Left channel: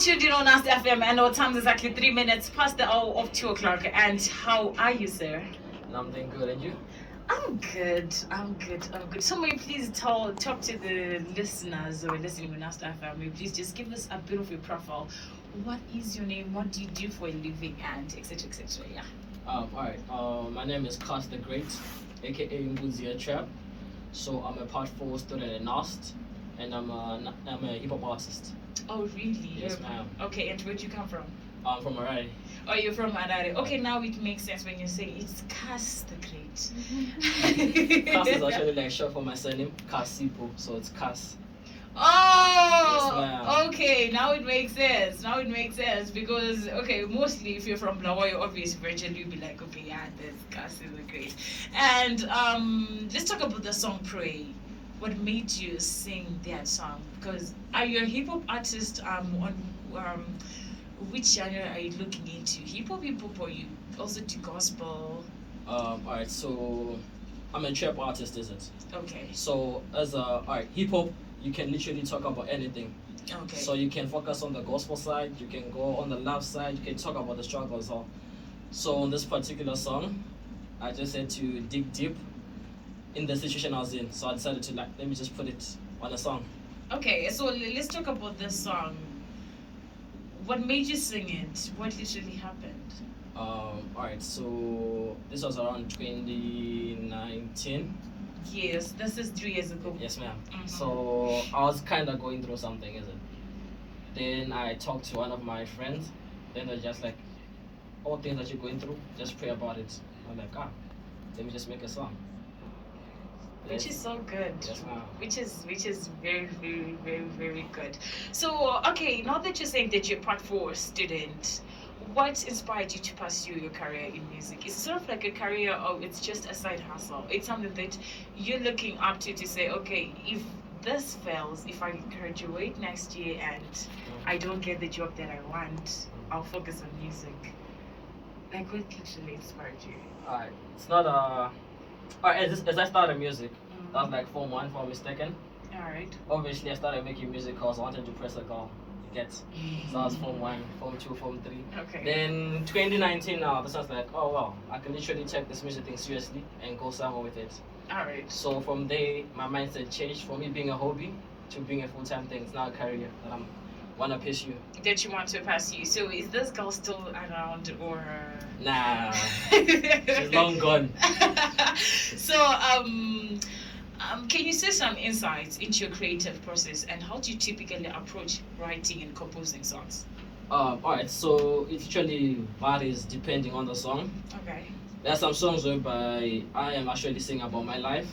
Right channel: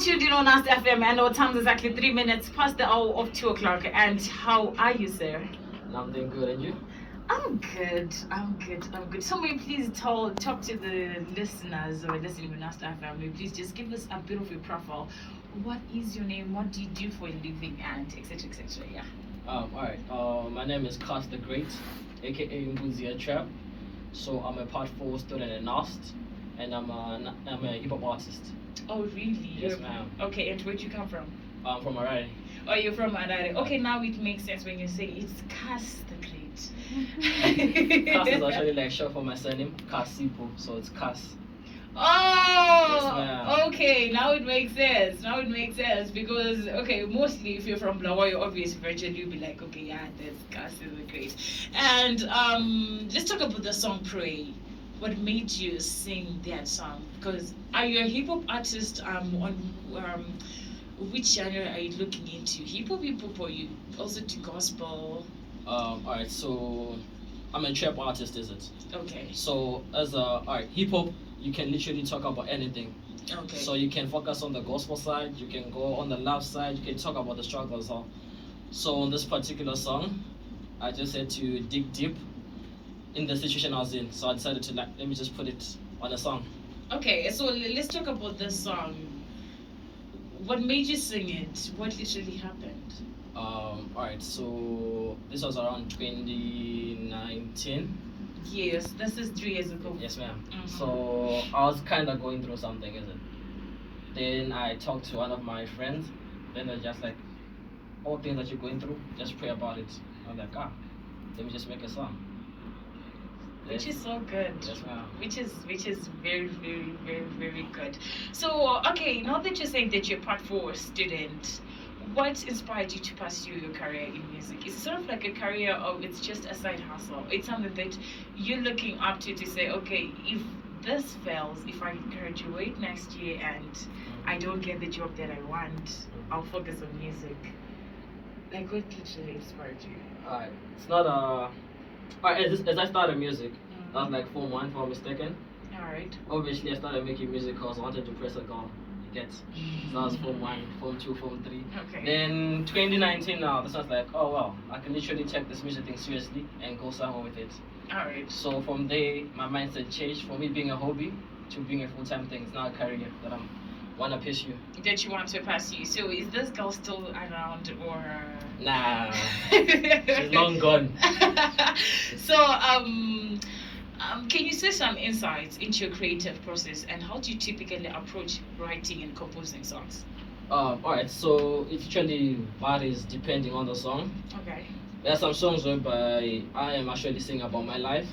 Tuned in on NUST FM, and our time is exactly 3 minutes past the hour of 2 o'clock. And how are you, sir? I'm doing good, and you? I'm good. So may you please talk to the listeners who are listening on NUST FM. May you please just give us a bit of a profile. What is your name? What do you do for a living? And etc. etc. Yeah. Alright. My name is Kas The Great, aka Mbuzia Trap. So I'm a Part 4 student at NUST, and I'm a hip hop artist. Oh really? Yes, ma'am. Okay, and where'd you come from? I'm from Harare. Oh, you're from Harare. Okay, now it makes sense when you say it's Kas The Great. Kas is actually like short for my surname, Kasipo, so it's Kas. Oh, yes, okay. Now it makes sense. Because mostly if you're from Blawayo, obvious virgin, you'll be like, okay, yeah, that's Kas The Great. And let's talk about the song "Pray." What made you sing that song? Because are you a hip hop artist? On which genre are you looking into? Hip hop, or you also do gospel? Alright, so I'm a trap artist, is it? Okay. So as hip hop, you can literally talk about anything. Okay. So you can focus on the gospel side, you can go on the love side, you can talk about the struggle as well. So on this particular song, I just had to dig deep in the situation I was in. So I decided to let me just put it on a song. Okay, so let's talk about this song. What made you sing it? What literally happened? Alright, so this was around 2019. Yes, this is 3 years ago. Yes, ma'am. Mm-hmm. So I was kind of going through something, isn't it? Then I talked to one of my friends. Then they're just like, all things that you're going through, just pray about it. I'm like, let me just make a song. Which is so good. Yes, ma'am. Which is very, very, very, very good. So, okay, now that you're saying that you're a Part 4 student, what inspired you to pursue your career in music? Is it sort of like a career, or it's just a side hustle? It's something that you're looking up to say, okay, if this fails, if I graduate next year and I don't get the job that I want, I'll focus on music. Like, what literally inspired you? Alright, it's not as I started music, that was like Form 1, if I'm mistaken. Alright. Obviously, I started making music because I wanted to press a girl. You get? So that was Form 1, Form 2, Form 3. Okay. Then 2019 now, this was like, oh wow, I can literally take this music thing seriously and go somewhere with it. Alright. So from there, my mindset changed from it being a hobby to being a full-time thing. It's now a career that I'm want to pursue. That you want to pursue. So is this girl still around, or? Nah, she's long gone. So can you say some insights into your creative process, and how do you typically approach writing and composing songs? Alright, so it actually varies depending on the song. Okay. There are some songs whereby I am actually singing about my life.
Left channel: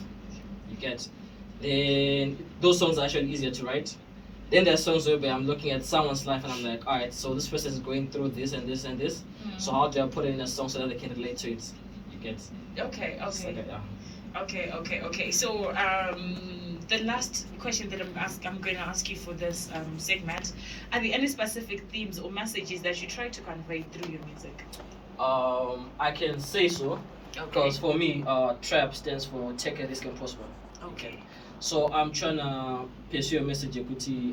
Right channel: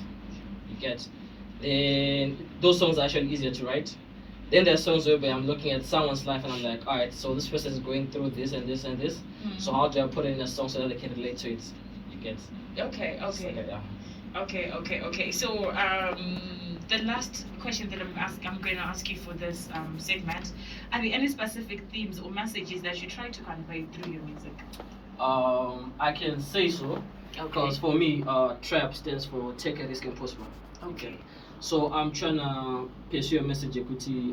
You get? Then those songs are actually easier to write. Then there are songs where I'm looking at someone's life and I'm like, alright, so this person is going through this and this and this. Mm-hmm. So how do I put it in a song so that they can relate to it? You get? Okay. So the last question that I'm going to ask you for this segment: are there any specific themes or messages that you try to convey through your music? I can say so, because for me, trap stands for take a risk and prosper. Okay. So I'm trying to pursue a message, Ekuti,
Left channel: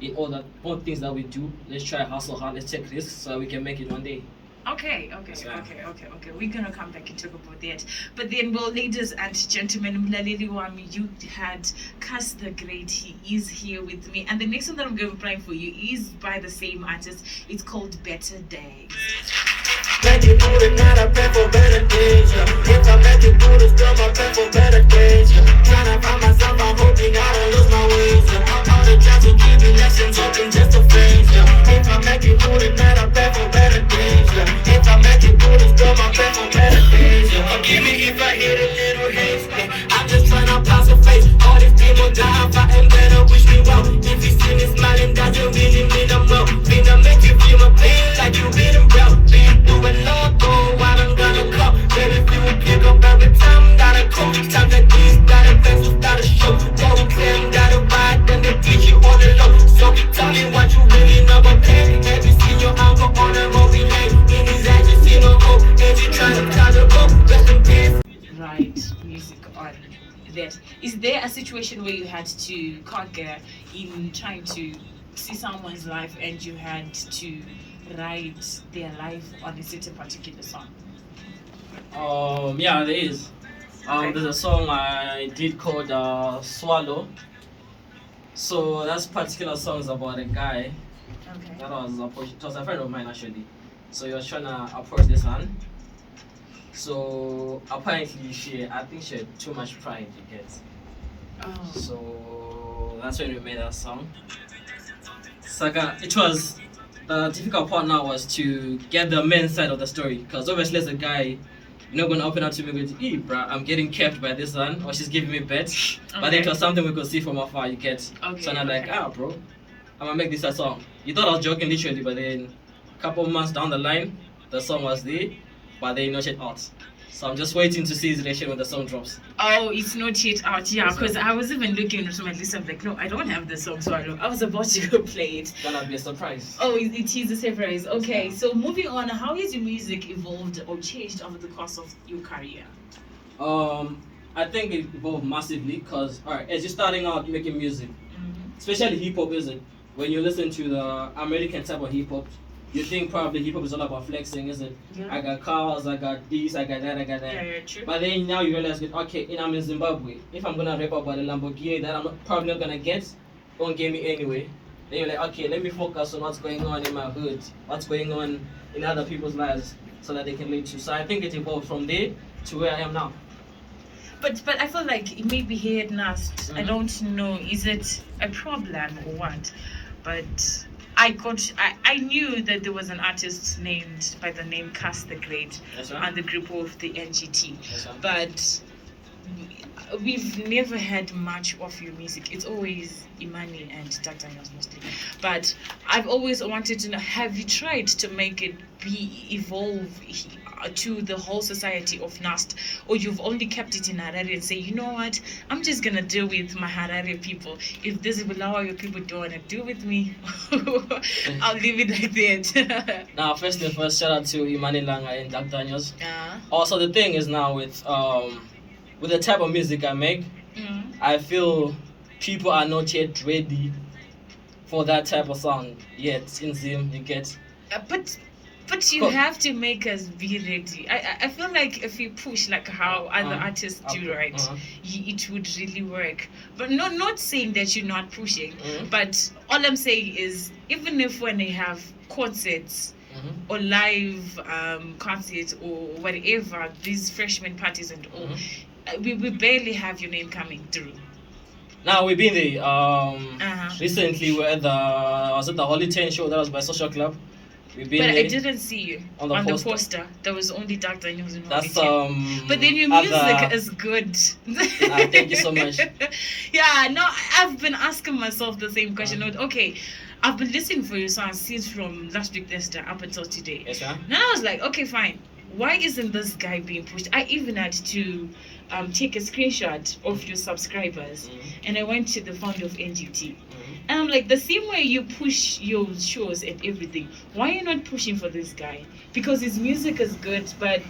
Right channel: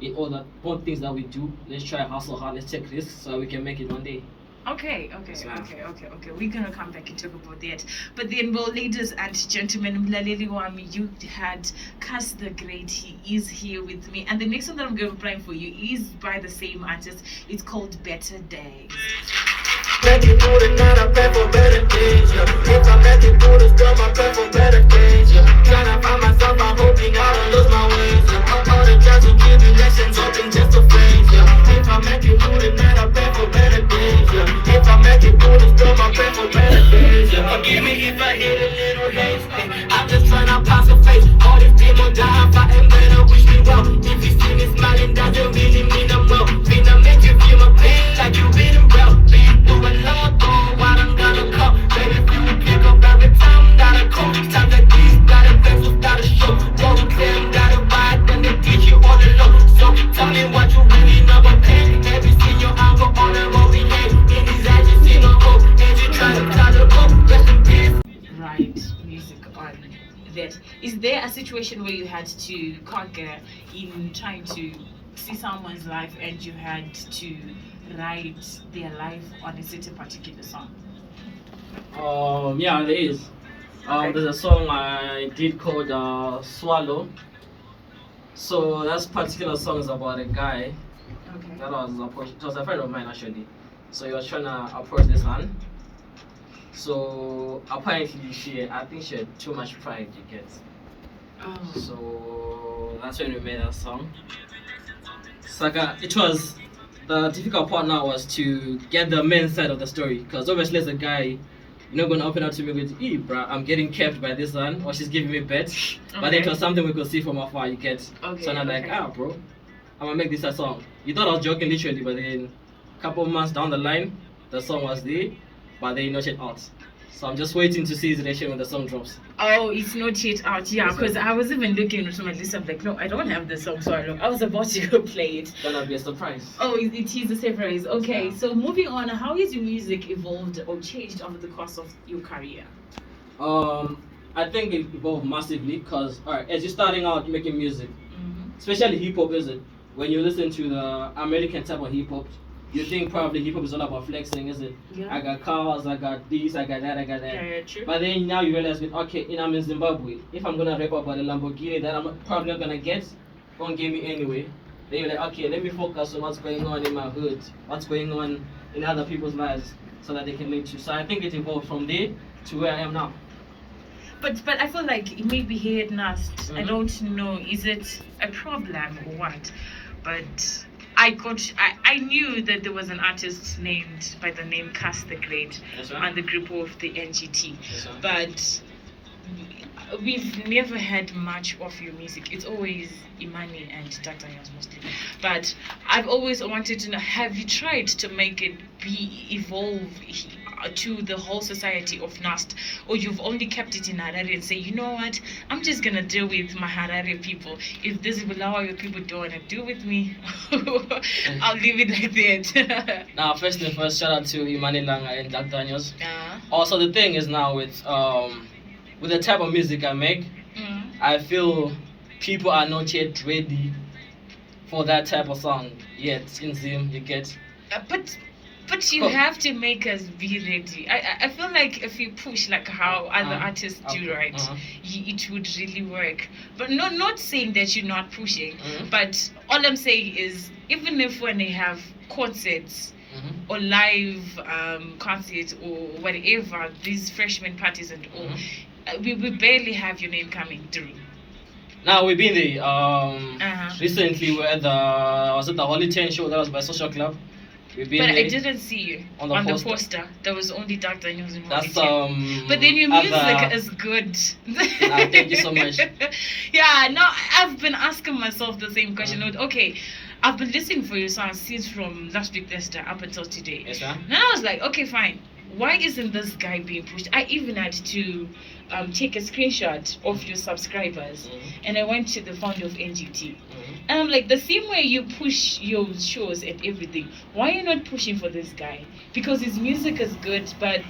in all things that we do. Let's try hustle hard, let's take risks so we can make it one day. Okay. We're gonna come back and talk about that. But then, well, ladies and gentlemen, Mlaleli Wami, you had Kas The Great. He is here with me, and the next one that I'm going to be playing for you is by the same artist. It's called Better Days. Make it good and not I pray for better days, yeah. If I make it good, it's still my pray for better days, yeah. Tryna find myself, I'm hoping I don't lose my ways, yeah. All the trying to give me lessons, hoping just a phrase, yeah. If I make it good and not I pray for better days, yeah. If I make it good, it's still my pray for better days, yeah. Forgive me if I hit a little haze, yeah. I'm just tryna pass a face. All this demon down, fighting better, wish me well. If you see me smiling, that you really mean I'm well. Finna make you feel my pain like you reading well. What I'm gonna call, baby, if you pick up every time, gotta call. Time like these, gotta pencils, gotta show. Don't tell them, gotta ride, then they teach you all the low. So tell me what you really know about pain. Have you seen your uncle on a movie? Hey, in his eyes, you see no hope. And you try to climb the rope, rest in peace. Right, music on that. Is there a situation where you had to conquer in trying to see someone's life and you had to write their life on a certain particular song? Yeah, there is. Okay. There's a song I did called Swallow. So that particular song is about a guy Okay. that was approached. It was a friend of mine actually. So he was trying to approach this man. So apparently I think she had too much pride, you get. Oh. So that's when we made that song. Saga, it was the difficult part now was to get the men's side of the story, because obviously as a guy, you're not gonna open up to me with, bruh, I'm getting kept by this one, or she's giving me bets. But then it was something we could see from afar, you get. Okay, So I'm like, bro, I'm gonna make this a song. You thought I was joking literally, but then a couple of months down the line, the song was there, but they not yet out. So I'm just waiting to see his reaction when the song drops. Oh, it's not yet out, yeah, because I was even looking at my list. I'm like, no, I don't have the song, so I was about to go play it. It's gonna be a surprise. Oh, it is a surprise. Okay, Yeah. so moving on, how has your music evolved or changed over the course of your career? I think it evolved massively because, alright, as you're starting out making music, Mm-hmm. especially hip hop, is it? When you listen to the American type of hip hop, you think probably hip hop is all about flexing, is it? Yeah. I got cars, I got this, I got that, I got that. Yeah, true. But then now you realize, okay, I'm in Zimbabwe. If I'm gonna rap about a Lamborghini that probably not gonna get, won't give me anyway. Then you're like, okay, let me focus on what's going on in my hood, what's going on in other people's lives, so that they can relate to. So I think it evolved from there to where I am now. But I feel like maybe here at NUST, I Mhm. don't know, is it a problem or what? But I knew that there was an artist named by the name Kas The Great Yes, sir. and the group of the NGT. Yes, sir. But we've never had much of your music. It's always Imani and Daniels mostly. But I've always wanted to know, have you tried to make it evolve to the whole society of NUST, or you've only kept it in Harare and say, you know what, I'm just gonna deal with my Harare people. If this Bulawayo people don't wanna do with me, I'll leave it like that. Now, first and first, shout out to Imani Langa and Jack Daniels. Yeah. Also, the thing is now with the type of music I make, I feel people are not yet ready for that type of sound yet. In Zim, you get. But you have to make us be ready. I feel like if you push like how other artists do, right, it would really work. But not saying that you're not pushing, but all I'm saying is even if when they have concerts or live concerts or whatever, these freshman parties and all, we barely have your name coming through. Now we've been there. Recently we're at the Holy 10 show that was by Social Club. We've been But there. I didn't see you On the poster. There was only Dark Daniels in That's But then your music is good. Thank you so much. Yeah, no, I've been asking myself the same question. Okay, I've been listening for your songs since from last week Thursday up until today. Yes, ma'am. And I was like, okay, fine. Why isn't this guy being pushed? I even had to take a screenshot of your subscribers, and I went to the fount of NGT. And I'm like, the same way you push your shows and everything, why are you not pushing for this guy? Because his music is good, but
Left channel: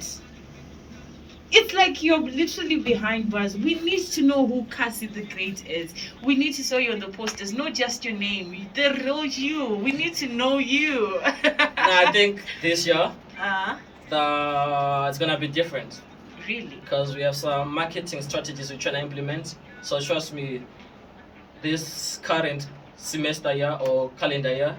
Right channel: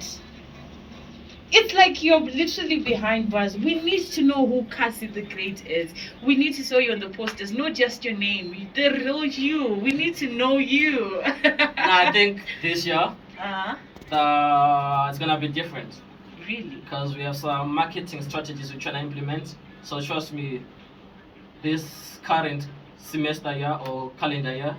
it's like you're literally behind bars. We need to know who Kas The Great is. We need to saw you on the posters, not just your name, the real you. We need to know you. Now I think this year it's gonna be different. Really? Because we have some marketing strategies we're trying to implement. So trust me, this current semester year or calendar year,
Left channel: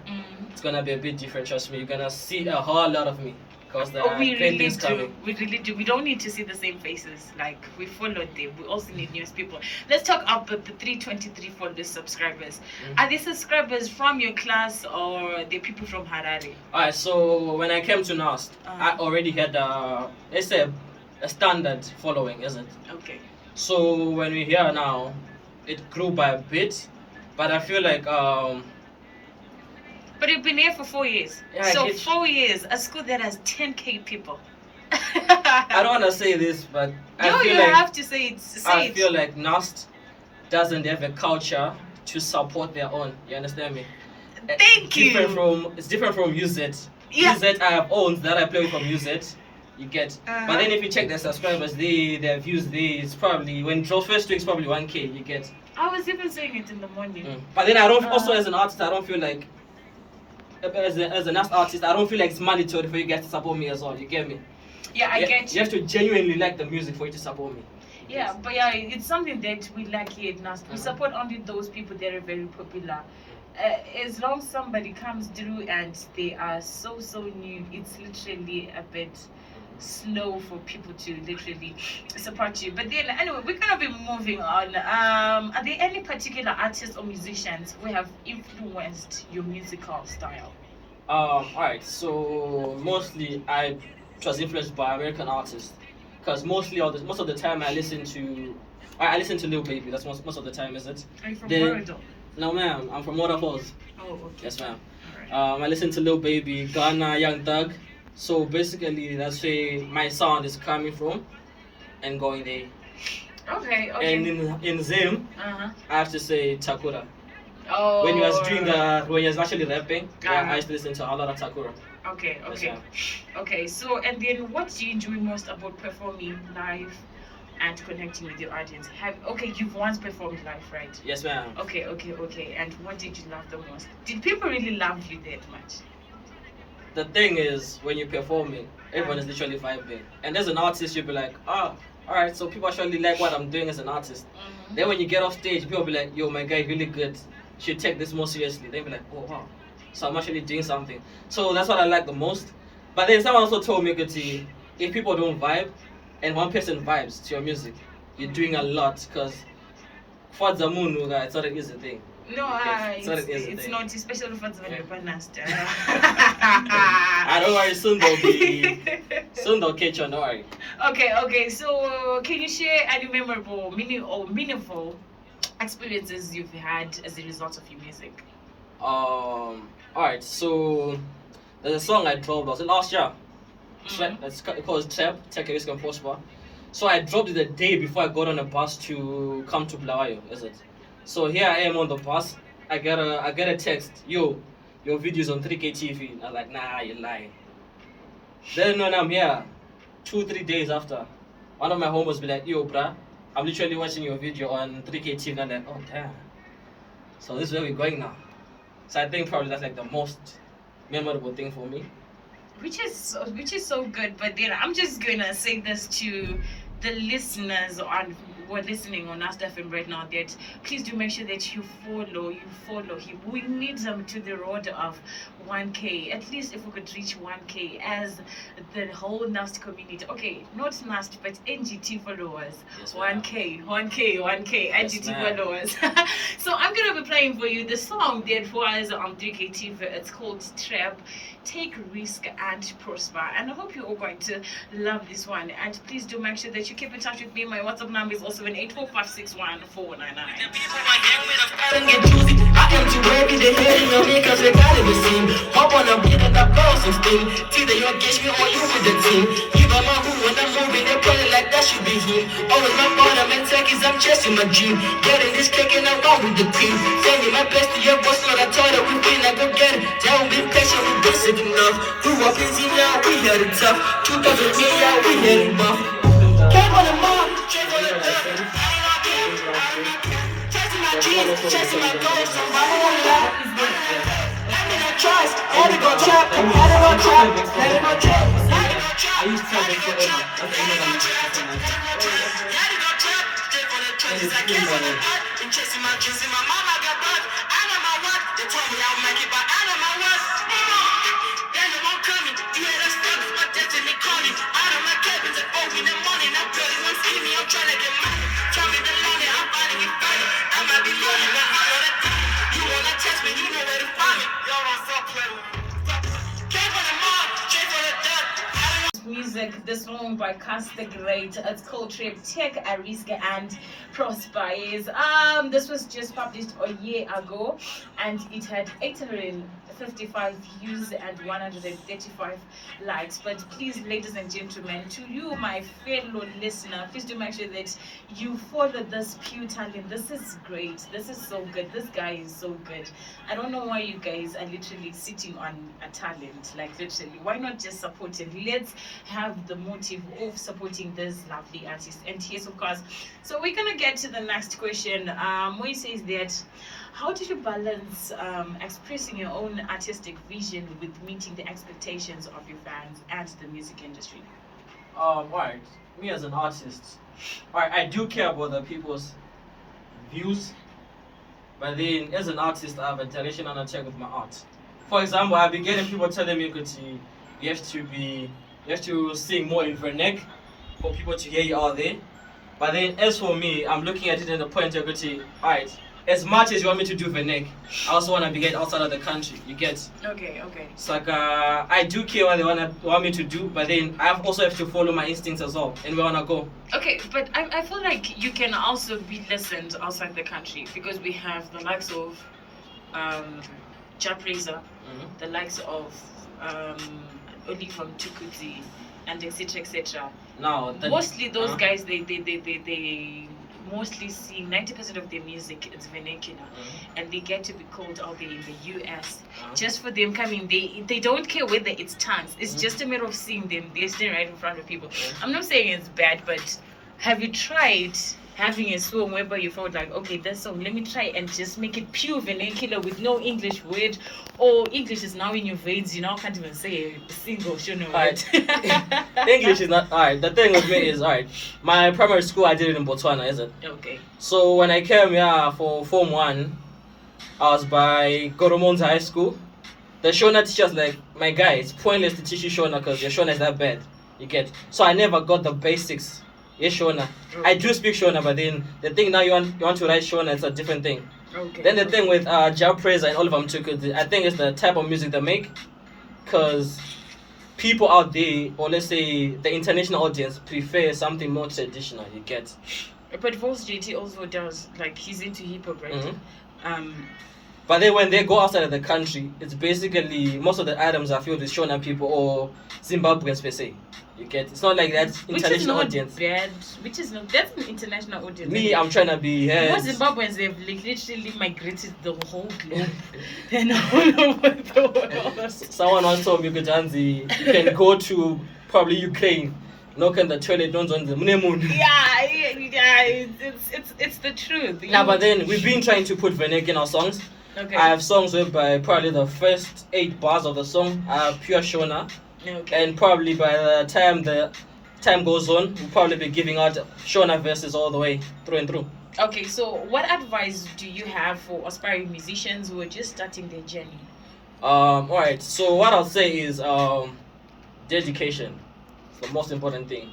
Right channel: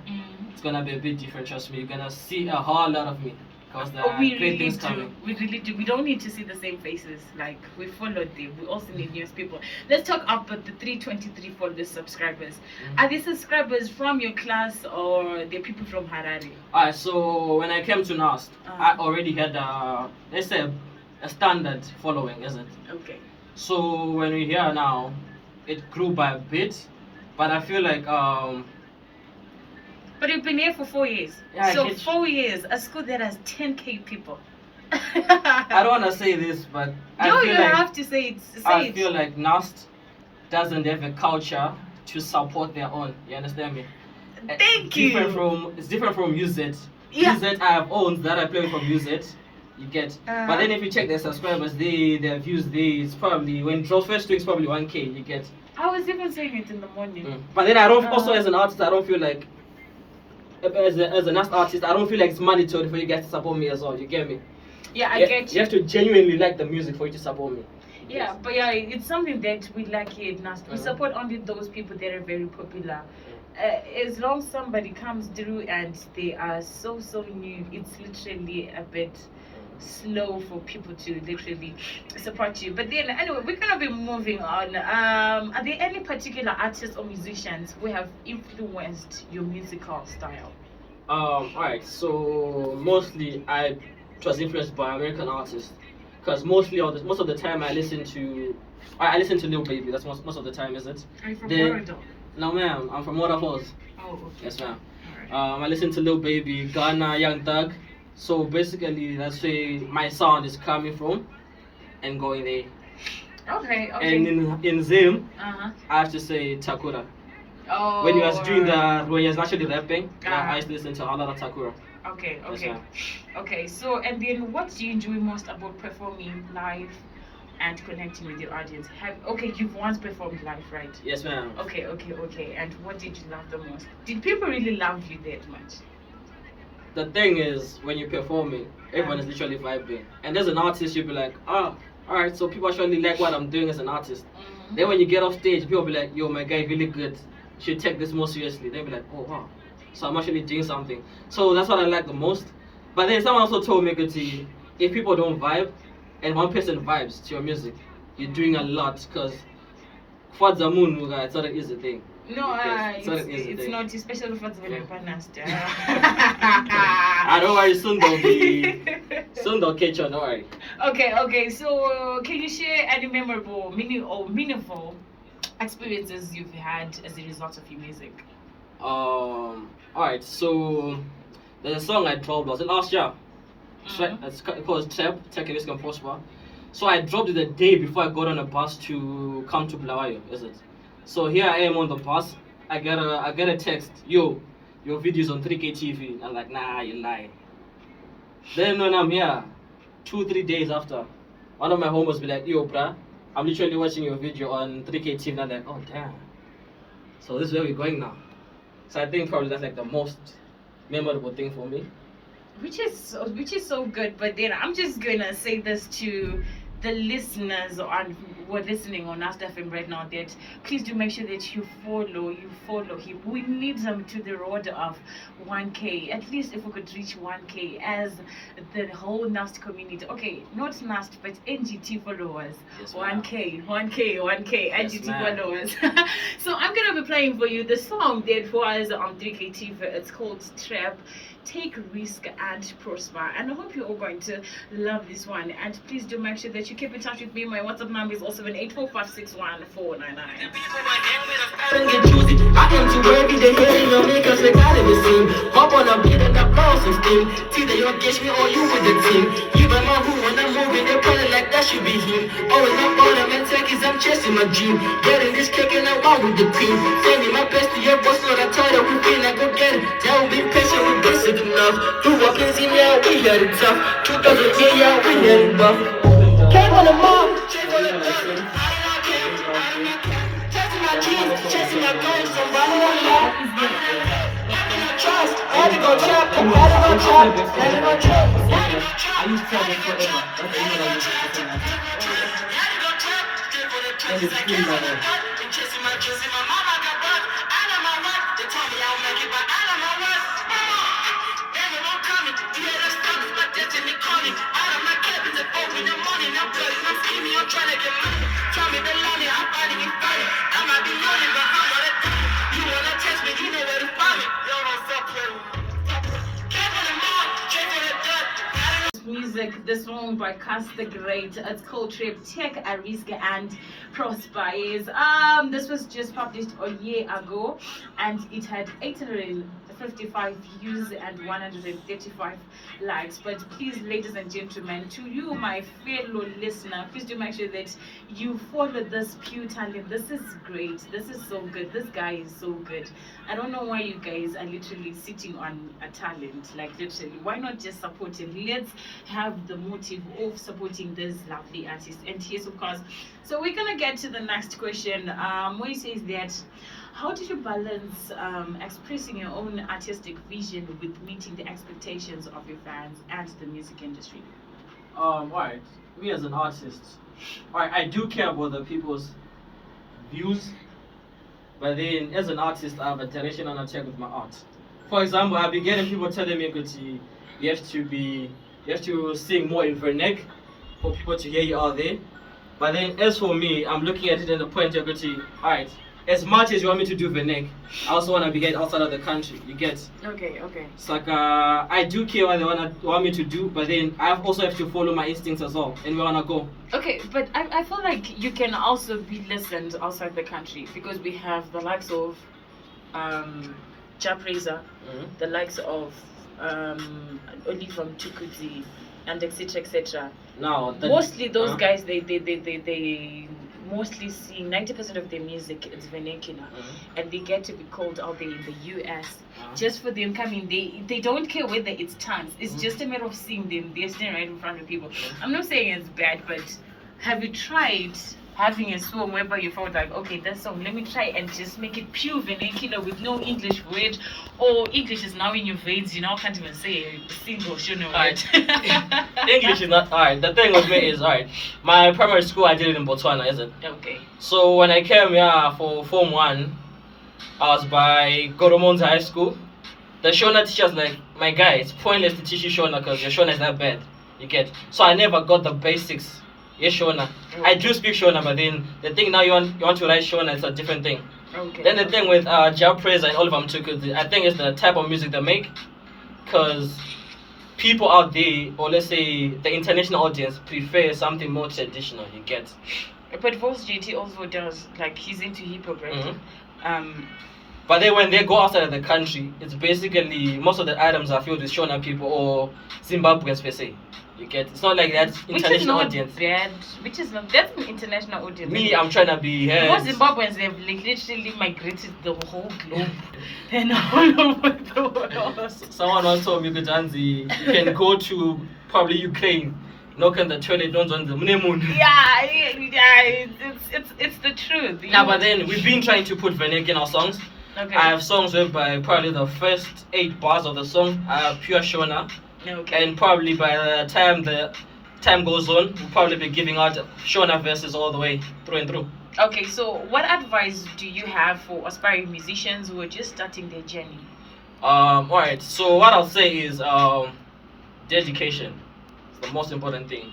it's gonna be a bit different. Trust me, you're gonna see a whole lot of me because there are We great really things do. coming. We really do. We don't need to see the same faces. Like we followed them. We also need news people. Let's talk about the 323 followers subscribers. Are these subscribers from your class or they're people from Harare? Alright, so when I came to NUST, I already had let's say a standard following, is it? Okay. So when we're here now, it grew by a bit, but I feel like But you've been here for 4 years. Yeah, so I get 4 years, a school that has 10K people. I don't want to say this, but I No, feel you like have to say it. Say it. feel like NUST doesn't have a culture to support their own. You understand me? Thank you. It's different from UZ. Yeah. UZ I have owns that I play with from UZ. You get, but then if you check their subscribers, their views, it's probably when it drops first week, it's probably 1K. You get, I was even saying it in the morning. But then I don't also as an artist I don't feel like as a NUST artist I don't feel like it's mandatory for you guys to support me as well. You get me? Yeah, I You- get You have to genuinely like the music for you to support me. Yeah, Yes. but yeah, it's something that we lack here at NUST. We Mhm. support only those people that are very popular. As long as somebody comes through and they are so new, it's literally a bit slow for people to literally support you. But then anyway, we're gonna be moving on. Are there any particular artists or musicians who have influenced your musical style? Alright, so mostly I was influenced by American artists because most of the time I listen to Lil Baby. That's most of the time, is it? Are you from Then- Florida? No, ma'am. I'm from Waterfalls. Oh, okay. Yes, ma'am. Alright. I listen to Lil Baby, Ghana, Young Thug. So basically, that's where my sound is coming from and going there. Okay, And in Zim, uh-huh. I have to say Takura. Oh, When he was actually rapping, Uh-huh. I used to listen to a lot of Takura. Okay, Yes, okay. ma'am. Okay, so and then what do you enjoy most about performing live and connecting with your audience? You've once performed live, right? Yes, ma'am. Okay. And what did you love the most? Did people really love you that much? The thing is, when you're performing, everyone is literally vibing. And as an artist, you'll be like, alright, so people actually like what I'm doing as an artist. Mhm. Then when you get off stage, people will be like, yo, my guy, really good. You should take this more seriously. They'll be like, oh, wow. So I'm actually doing something. So that's what I like the most. But then someone also told me, Kuti, if people don't vibe, and one person vibes to your music, you're doing a lot. Because for the moon, it's not an easy thing. No, Okay, it's not an easy it's thing. not, especially for the NUST. I don't worry, soon they'll catch on, don't worry. Okay. So, can you share any memorable, meaningful experiences you've had as a result of your music? Alright, so there's a song I dropped, was it last year? Mhm. It's called Trap, Take a Risk and Prosper. So I dropped it the day before I got on a bus to come to Bulawayo, is it? So here I am on the bus. I get a text, yo, your video's on 3K TV. I'm like, nah, you lying. Then when I'm here, 2-3 days after, one of my homies be like, yo, bruh, I'm literally watching your video on 3K TV. And I'm like, oh damn. So this is where we're going now. So I think probably that's like the most memorable thing for me. Which is so good. But then I'm just gonna say this to the listeners who are listening on NUST FM right now, that please do make sure that you follow him. We need them to the road of 1K. At least if we could reach 1K as the whole NUST community. Okay, not NUST but NGT followers. Yes, ma'am. 1K, Yes, NGT ma'am. followers. So I'm gonna be playing for you the song that was on 3K TV. It's called Trap. Take risk and prosper, and I hope you're all going to love this one. And please do make sure that you keep in touch with me. My WhatsApp number is also 84561 I don't get juicy. I am too heavy, they hating on me cause they got in the scene. Hop on a beat and I bounce and steam. Either you against me or you with the team. You got my who when I'm moving, they play like that should be him. Always my bottom and techies, I'm chasing my dream. Getting this cake and I'm on with the team. Sending my best to your boss, not a title, we feel like go get it. Down, be patient, we basic enough. Grew up in team, yeah, we had it tough. 2010, yeah, we had it buff. Came on the mall, chasing my dreams, I'm running on life. Trust, gotta go trap, gotta go trap, gotta go trap. I used to have it forever. That's the email I used to send out. And it's clean by now. Chasing my dreams in my mom, I got blood. I know my rock. They told me I'll make it, but I know my worth. They know I'm coming. You hear this stuff, my destiny calling. Out of my cabin at 4 in the morning. I'm bloody, I'm feeling, I'm trying to get money. Tell me the lonely, I'm finding it funny. I might be lonely, but I know the time. You wanna test me, you know where to find me. Y'all won't fuck with me. Came from the mall, straight from the dirt. music, this one by Kas The Great. It's called Trip, Take a Risk and Prosper. Yes. This was just published a year ago and it had 55 views and 135 likes. But please, ladies and gentlemen, to you, my fellow listener, please do make sure that you follow this pure talent. This is great. This is so good. This guy is so good. I don't know why you guys are literally sitting on a talent. Like, literally, why not just support it? Let's have the motive of supporting this lovely artist. And yes, of course. So we're gonna get to the next question. Where says that, how did you balance expressing your own artistic vision with meeting the expectations of your fans and the music industry? Alright, me as an artist, alright, I do care about the people's views, but then as an artist, I have a direction and a check with my art. For example, I've been getting people telling me, "Kuti, you have to sing more in Vernac for people to hear you out there." But then, as for me, I'm looking at it at the point of, alright, as much as you want me to do Vernac, I also want to be getting outside of the country. You get? Okay. It's like I do care what they want me to do, but then I also have to follow my instincts as well, and where I wanna go. Okay, but I feel like you can also be listened outside the country, because we have the likes of Japreza, the likes of Oliver Mtukudzi, and etc. Now, Mostly those guys, they mostly sing 90% of their music is vernacular, and they get to be called out there in the US. Just for them coming, they don't care whether it's tongues. It's just a matter of seeing them. They're standing right in front of people. I'm not saying it's bad, but have you tried having a song whereby you felt like, okay, that song, let me try and just make it pure vernacular with no English word, or English is now in your veins, you now can't even say a single word. English is not alright. The thing with me is, alright, my primary school I did it in Botswana, is it? Okay. So when I came here for Form 1, I was by Goromonza High School. The Shona teachers like, my guy, it's pointless to teach you Shona because your Shona is that bad. You get? So I never got the basics. Yes, Shona. I do speak Shona, but then the thing now you want to write Shona, it's a different thing. Okay. Then the thing with Jao Praiser and all of them too, cause I think it's the type of music they make, because people out there, or let's say the international audience, prefer something more traditional. You get? But Vols JT also does, like, he's into hip hop, right? But then when they go outside of the country, it's basically most of the items are filled with Shona people or Zimbabweans per se. You get? It's not like that international audience. Which is not that's an international audience. Me, I'm trying to be here. Because Zimbabweans, they've like literally migrated the whole globe and all over the world. Someone once told me, Gujanzi, you can go to probably Ukraine, knock on the toilet, don't on the moon. Yeah, it's the truth. Nah, but then we've been trying to put Vernac in our songs. Okay. I have songs whereby probably the first 8 bars of the song are pure Shona. Okay. And probably by the time goes on, we'll probably be giving out Shona verses all the way through and through. Okay, so what advice do you have for aspiring musicians who are just starting their journey? Alright, so what I'll say is dedication. It's the most important thing.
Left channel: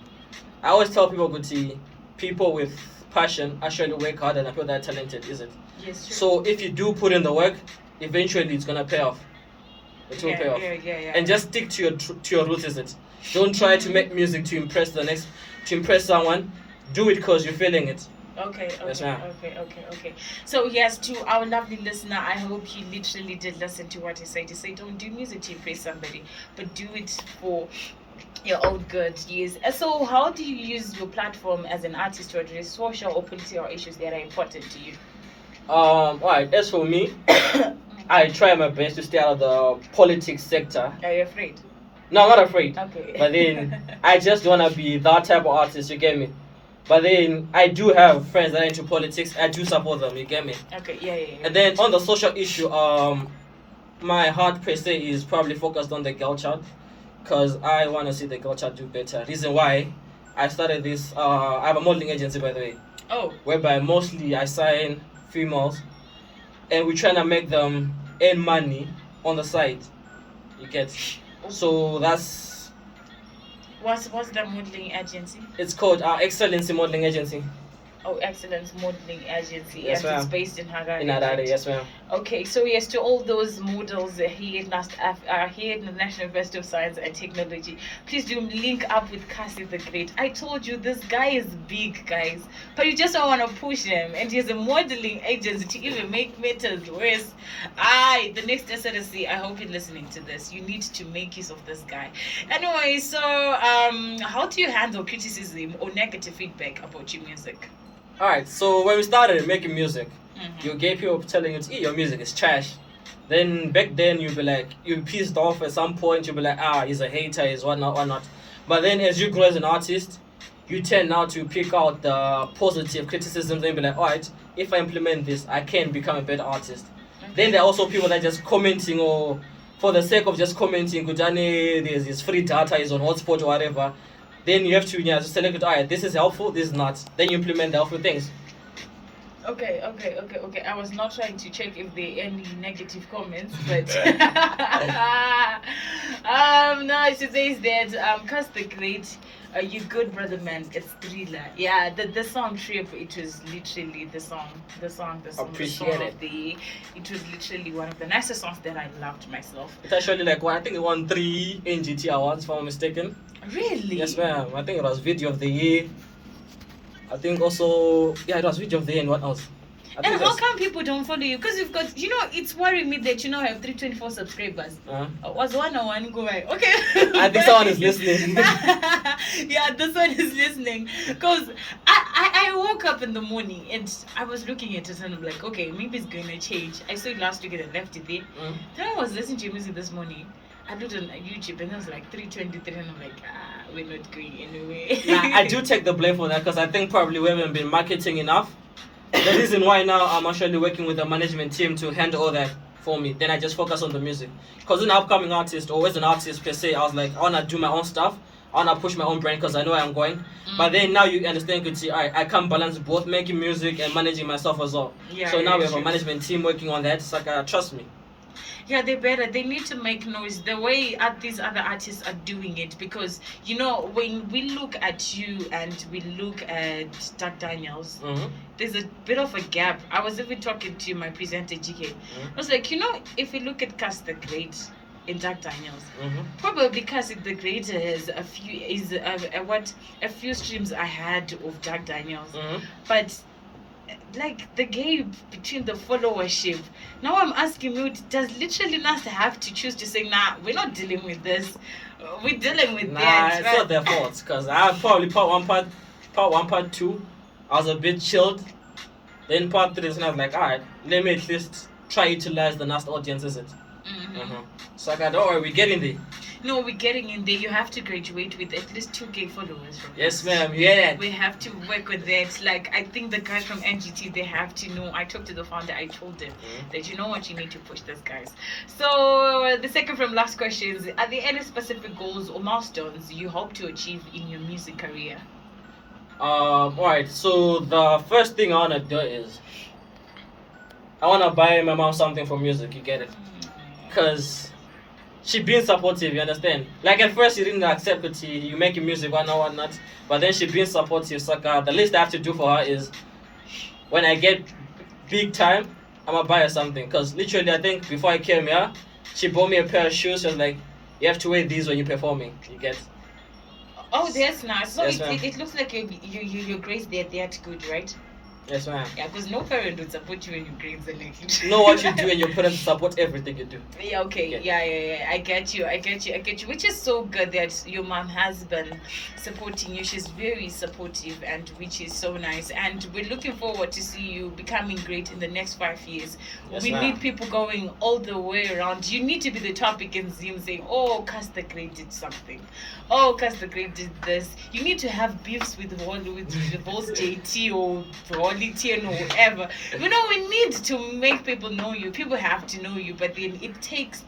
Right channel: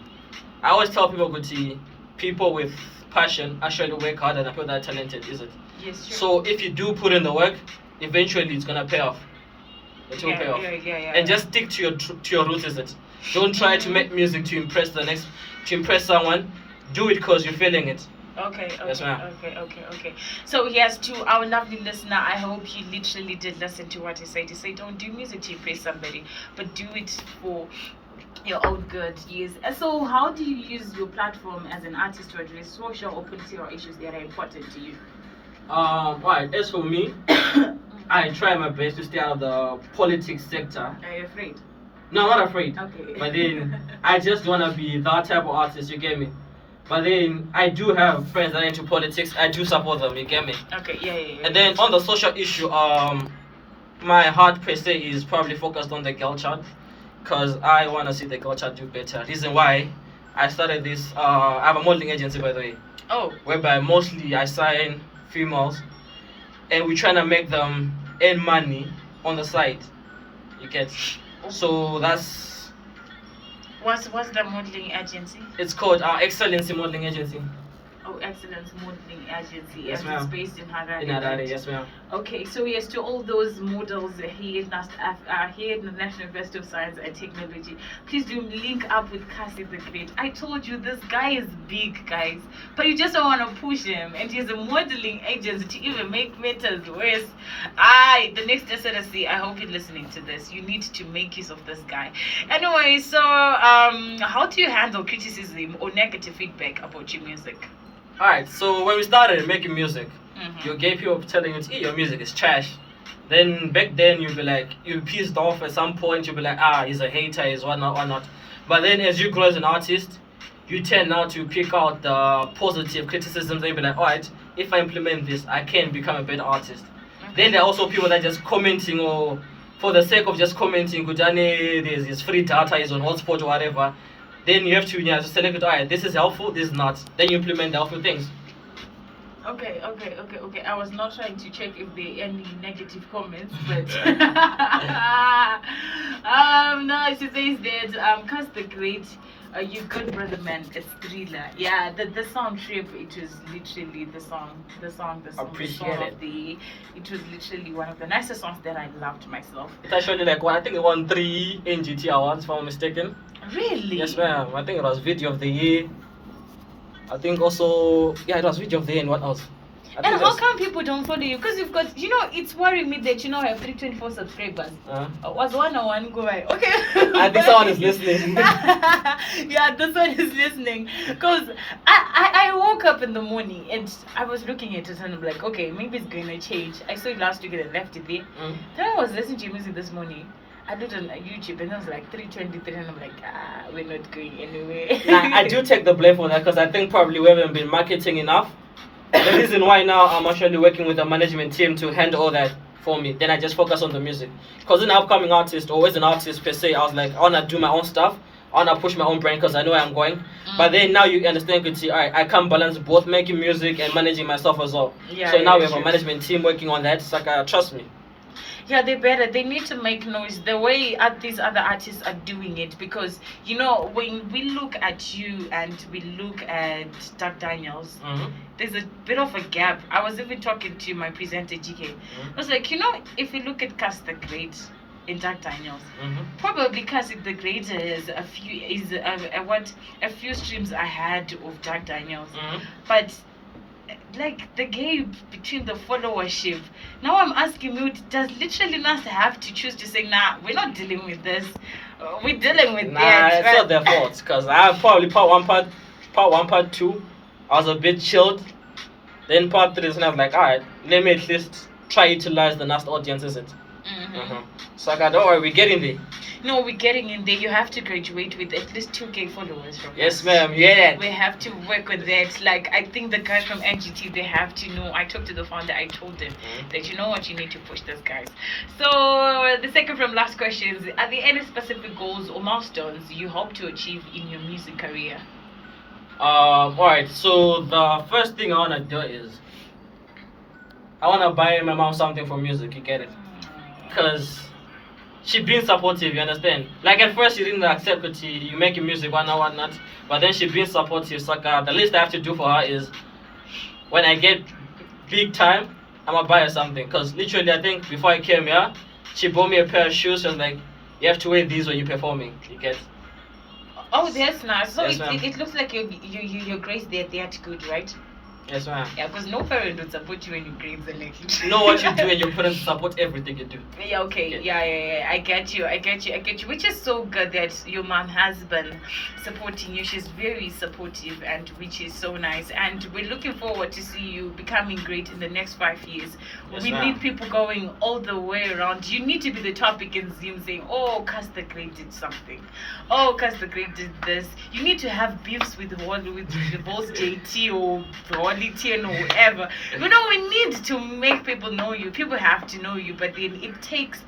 I always tell people, Guti, people with passion actually work harder than people that are talented, is it? Yes, sure. So if you do put in the work, eventually it's gonna pay off. It will pay off. Yeah. And just stick to your roots, is it? Don't try to make music to impress someone. Do it because you're feeling it. Okay. Yes, ma'am. Okay. So yes, to our lovely listener, I hope he literally did listen to what he said. He said, don't do music to impress somebody, but do it for your own good. Yes. So how do you use your platform as an artist to address social or political issues that are important to you? Alright, as for me, I try my best to stay out of the politics sector. Are you afraid? No, I'm not afraid. Okay. But then I just don't want to be that type of artist, you get me? But then I do have friends that are into politics. I do support them, you get me? Okay, yeah. And then on the social issue, my heart per se is probably focused on the girl child, because I want to see the girl child do better. Reason why I started this, I have a modeling agency, by the way. Oh. Whereby mostly I sign females, and we're trying to make them earn money on the side. You get? So that's... What's the modeling agency? It's called our Excellency Modeling Agency. Oh, Excellence Modeling Agency. Yes, Yes, it's ma'am. based in Harare. In Harare, right? yes, ma'am. Okay, so yes, to all those models here here in the National University of Science and Technology, please do link up with Kas The Great. I told you this guy is big, guys, but you just don't want to push him, and he has a modeling agency to even make matters worse. The next SRC, I hope you're listening to this. You need to make use of this guy. Anyway, so how do you handle criticism or negative feedback about your music? Alright, so when we started making music, Mhm. you get people telling you, your music is trash. Then back then you'd be like, you'd be pissed off at some point, you'd be like, he's a hater, he's whatnot, whatnot. But then as you grow as an artist, you tend now to pick out the positive criticisms and be like, alright, if I implement this, I can become a better artist. Then there are also people that just commenting or for the sake of just commenting, Kujane, there's this free data, is on hotspot or whatever. Then you have to just select it, alright, this is helpful, this is not. Then you implement the helpful things. Okay. I was not trying to check if there are any negative comments, but no, she says that Kas The Great, you good brother man, it's thriller. Yeah, the song Trip, it was literally the song Appreciate of it. it was literally one of the nicest songs that I loved myself. It's actually like one, I think it won 3 NGT awards, if I'm not mistaken. Really? Yes, ma'am. I think it was Video of the Year. I think also, yeah, it was Video of the Year and what else? I And think it how was- come people don't follow you? Because you've got, it's worrying me that I have 324 subscribers. Was 101 go by? Okay. I think someone is listening. Yeah, this one is listening. Because I woke up in the morning and I was looking at it and I'm like, okay, maybe it's going to change. I saw it last week and I left it there. Then I was listening to your music this morning. I looked on YouTube and it was like 323 and I'm like, we're not going anywhere. Nah, I do take the blame for that because I think probably we haven't been marketing enough. The reason why now I'm actually working with a management team to handle all that for me. Then I just focus on the music. Because an upcoming artist or as an artist per se, I was like, I want to do my own stuff. I want to push my own brand because I know where I'm going. But then now you understand, you see, I can't balance both making music and managing myself as well. Yeah, so now yeah, we have sure. a management team working on that. It's like, trust me. Yeah, they better. They need to make noise the way these other artists are doing it because when we look at you and we look at Doug Daniels, there's a bit of a gap. I was even talking to my presenter GK. I was like, if you look at Kas The Great in Doug Daniels, probably Kas The Great is a few streams ahead of Doug Daniels, but like the gap between the followership. Now I'm asking you, does literally NUST have to choose to say, nah, we're not dealing with this. We're dealing with that. It's not their fault because I probably part 1, part 2, I was a bit chilled. Then part 3 is kind of like, alright, let me at least try utilize the NUST audience, is it? So don't worry, we're getting there. No, we're getting in there. You have to graduate with at least 2K followers from Yes, us. ma'am. Yeah. We have to work with that. Like, I think the guys from NGT, they have to know. I talked to the founder, I told them that you know what, you need to push those guys. So, the second from last question is, are there any specific goals or milestones you hope to achieve in your music career? Alright, so the first thing I want to do is I want to buy my mom something for music, you get it? Because she being supportive, you understand? Like at first she didn't accept it, you making music, whatnot. But then she being supportive, so the least I have to do for her is when I get big time, I'm gonna buy her something. Because literally I think before I came here, she bought me a pair of shoes and like, you have to wear these when you're performing, you get? Oh, that's nice. So Yes, ma'am. it looks like your grades, they're that good, right? Yes, ma'am. Yeah, because no parent would support you when your grades are like You know what you do and your parents support everything you do. Yeah, okay. Yeah. I get you. Which is so good that your mom has been supporting you. She's very supportive, and which is so nice. And we're looking forward to see you becoming great in the next 5 years. Yes, We ma'am. need people going all the way around. You need to be the topic in Zoom saying, oh, Kas The Great did something. Oh, Kas The Great did this. You need to have beefs with the boss JT or Holly Tien or whoever. We need to make people know you. People have to know you, but then it takes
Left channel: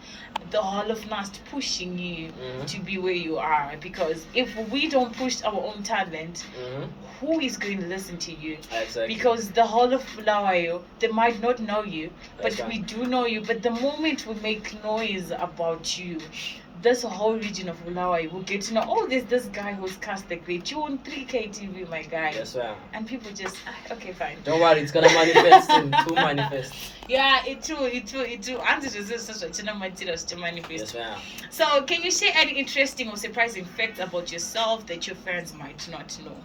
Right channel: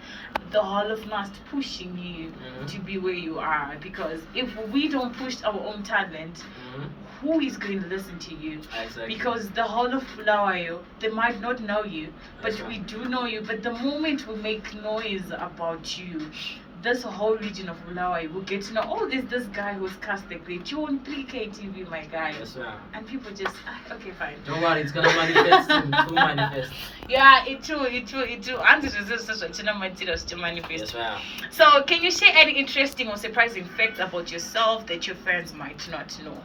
the whole of NUST pushing you to be where you are. Because if we don't push our own talent, who is going to listen to you? Exactly. Because the whole of Bulawayo, they might not know you, but That's right. we do know you. But the moment we make noise about you, this whole region of Bulawayo will get to know, oh, there's this guy who's Kas The Great. You on 3K TV, my guy. Yes, ma'am. And people just, okay, fine. Don't worry, it's gonna manifest soon. To manifest. Yeah, it too. And it is such a materials to manifest. Yes, ma'am. So, can you share any interesting or surprising facts about yourself that your friends might not know?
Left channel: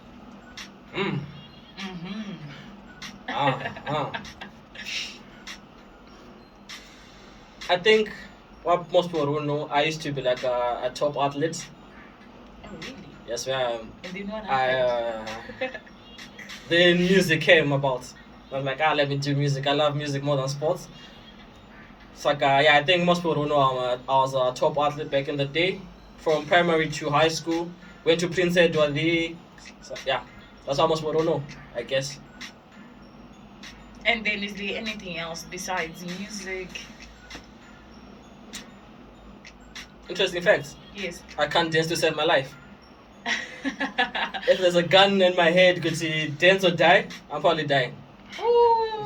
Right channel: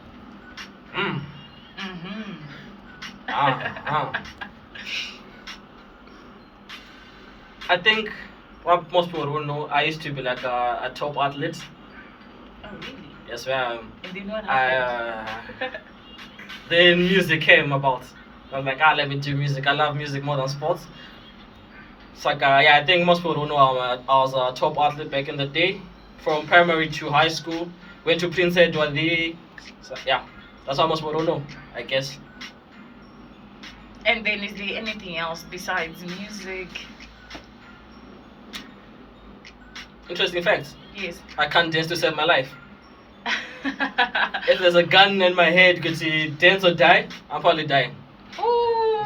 I think what most people don't know, I used to be like a top athlete. Oh, really? Yes, ma'am. And then what happened? Then music came about. I'm like, let me do music. I love music more than sports. It's like, I think most people don't know I was a top athlete back in the day. From primary to high school. Went to Prince Edward. So, yeah, that's how most people don't know, I guess. And then is there anything else besides music? Interesting facts. Yes. I can't dance to save my life. If there's a gun in my head, could see dance or die, I'm probably dying. Ooh,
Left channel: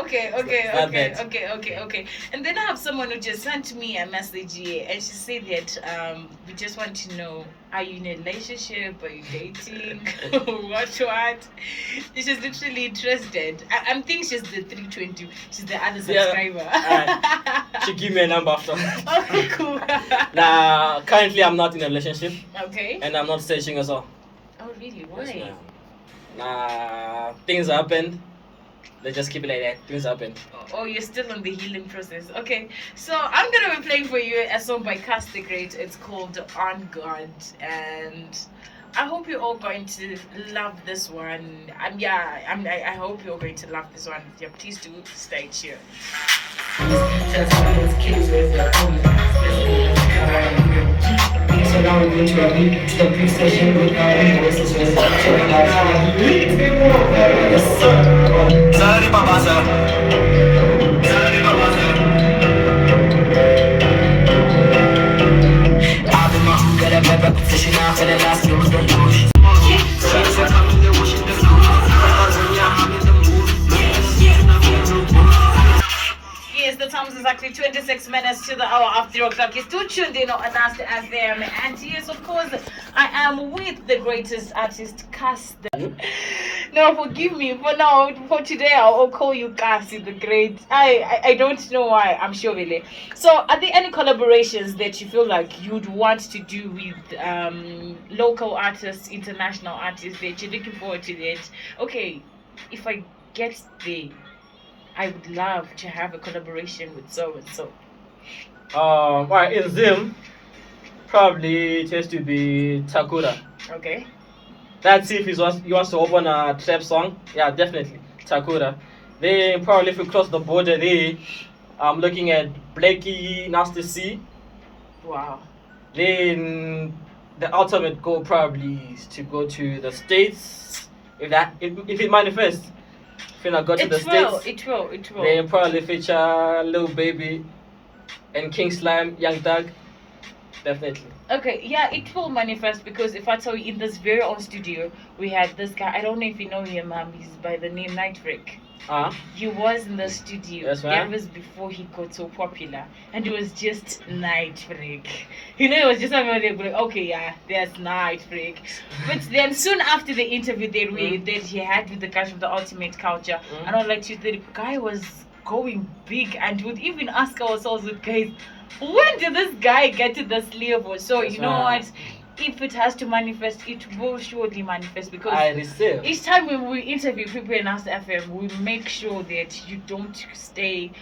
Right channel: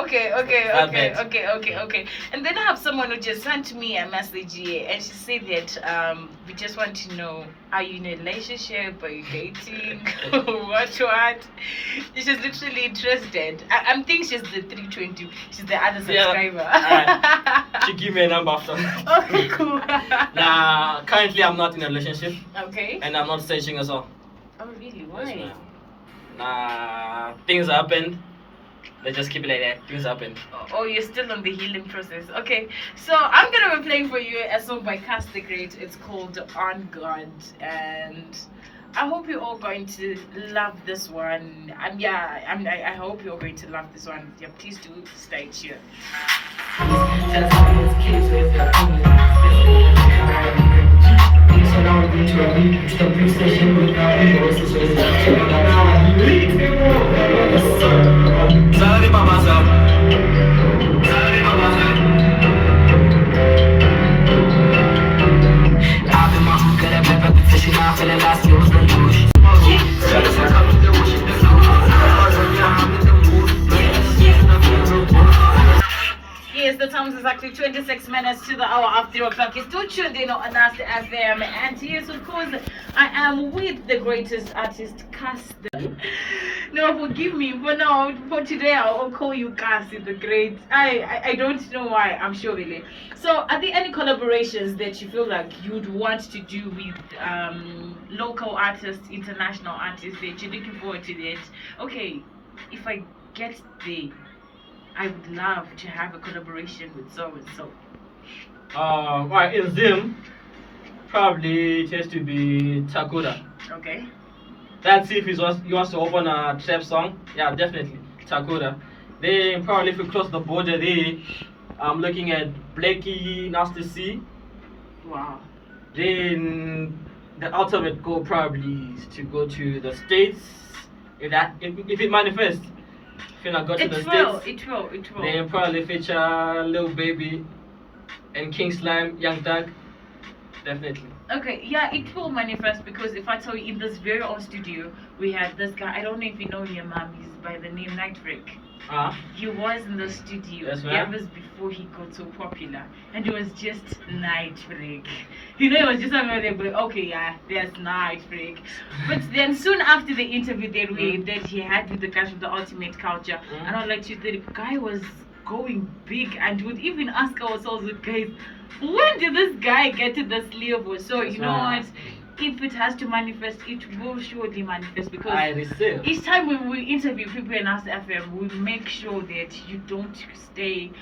okay. That bad. Okay. And then I have someone who just sent me a message here, and she said that we just want to know, are you in a relationship? Are you dating? what? She's literally interested. I think she's the 320. She's the other subscriber. She give me a number after. Oh, cool. Nah, currently I'm not in a relationship. Okay. And I'm not searching as well. Oh, really? Why? Yes, ma'am. Nah, things happened. Let's just keep it like that. Things happened. Oh, you're still on the healing process. Okay, so I'm gonna be playing for you a song by Kas The Great. It's called On God, and I hope you're all going to love this one. I hope you're going to love this one. Yeah, please do stay tuned. So now we're going to a beat to the pre session with our voices. Yes, sir. Sorry, Papa, sir. Sorry, Papa, sir. I've been my hook at a better position. I fell in last year with the douche. Yes, the time is actually 26 minutes to the hour of 0 o'clock. You're still tuned in on NUST FM. And yes, of course, I am with the greatest artist, Kas. No, forgive me. For now, for today, I'll call you Kas The Great. I don't know why. I'm sure really. So, are there any collaborations that you feel like you'd want to do with local artists, international artists that you're looking forward to that? Okay, if I get there, I would love to have a collaboration with so and so. Alright, in Zim, probably it has to be Takura. Okay. That's if he wants to open a trap song. Yeah, definitely Takura. Then probably if we cross the border there, I'm looking at Blakey, Nasty C. Wow. Then the ultimate goal probably is to go to the States. If it manifests. If I go to the States, it will. they probably feature Lil Baby and King Slime, Young Thug. Definitely. Okay, yeah, it will manifest because if I tell you, in this very own studio, we had this guy. I don't know if you know him, he's by the name Nightbreak. He was in the studio. Yes, that was before he got so popular, and it was just Nightbreak. You know, it was just like, okay, yeah, there's Nightbreak. But then soon after the interview that he had with the guys from the Ultimate Culture, and I was like, the guy was going big, and would even ask ourselves, guys, when did this guy get to this level? So Yes, you know what? If it has to manifest, it will surely manifest because I receive. each time when we interview people in NUST FM, we make sure that you don't stay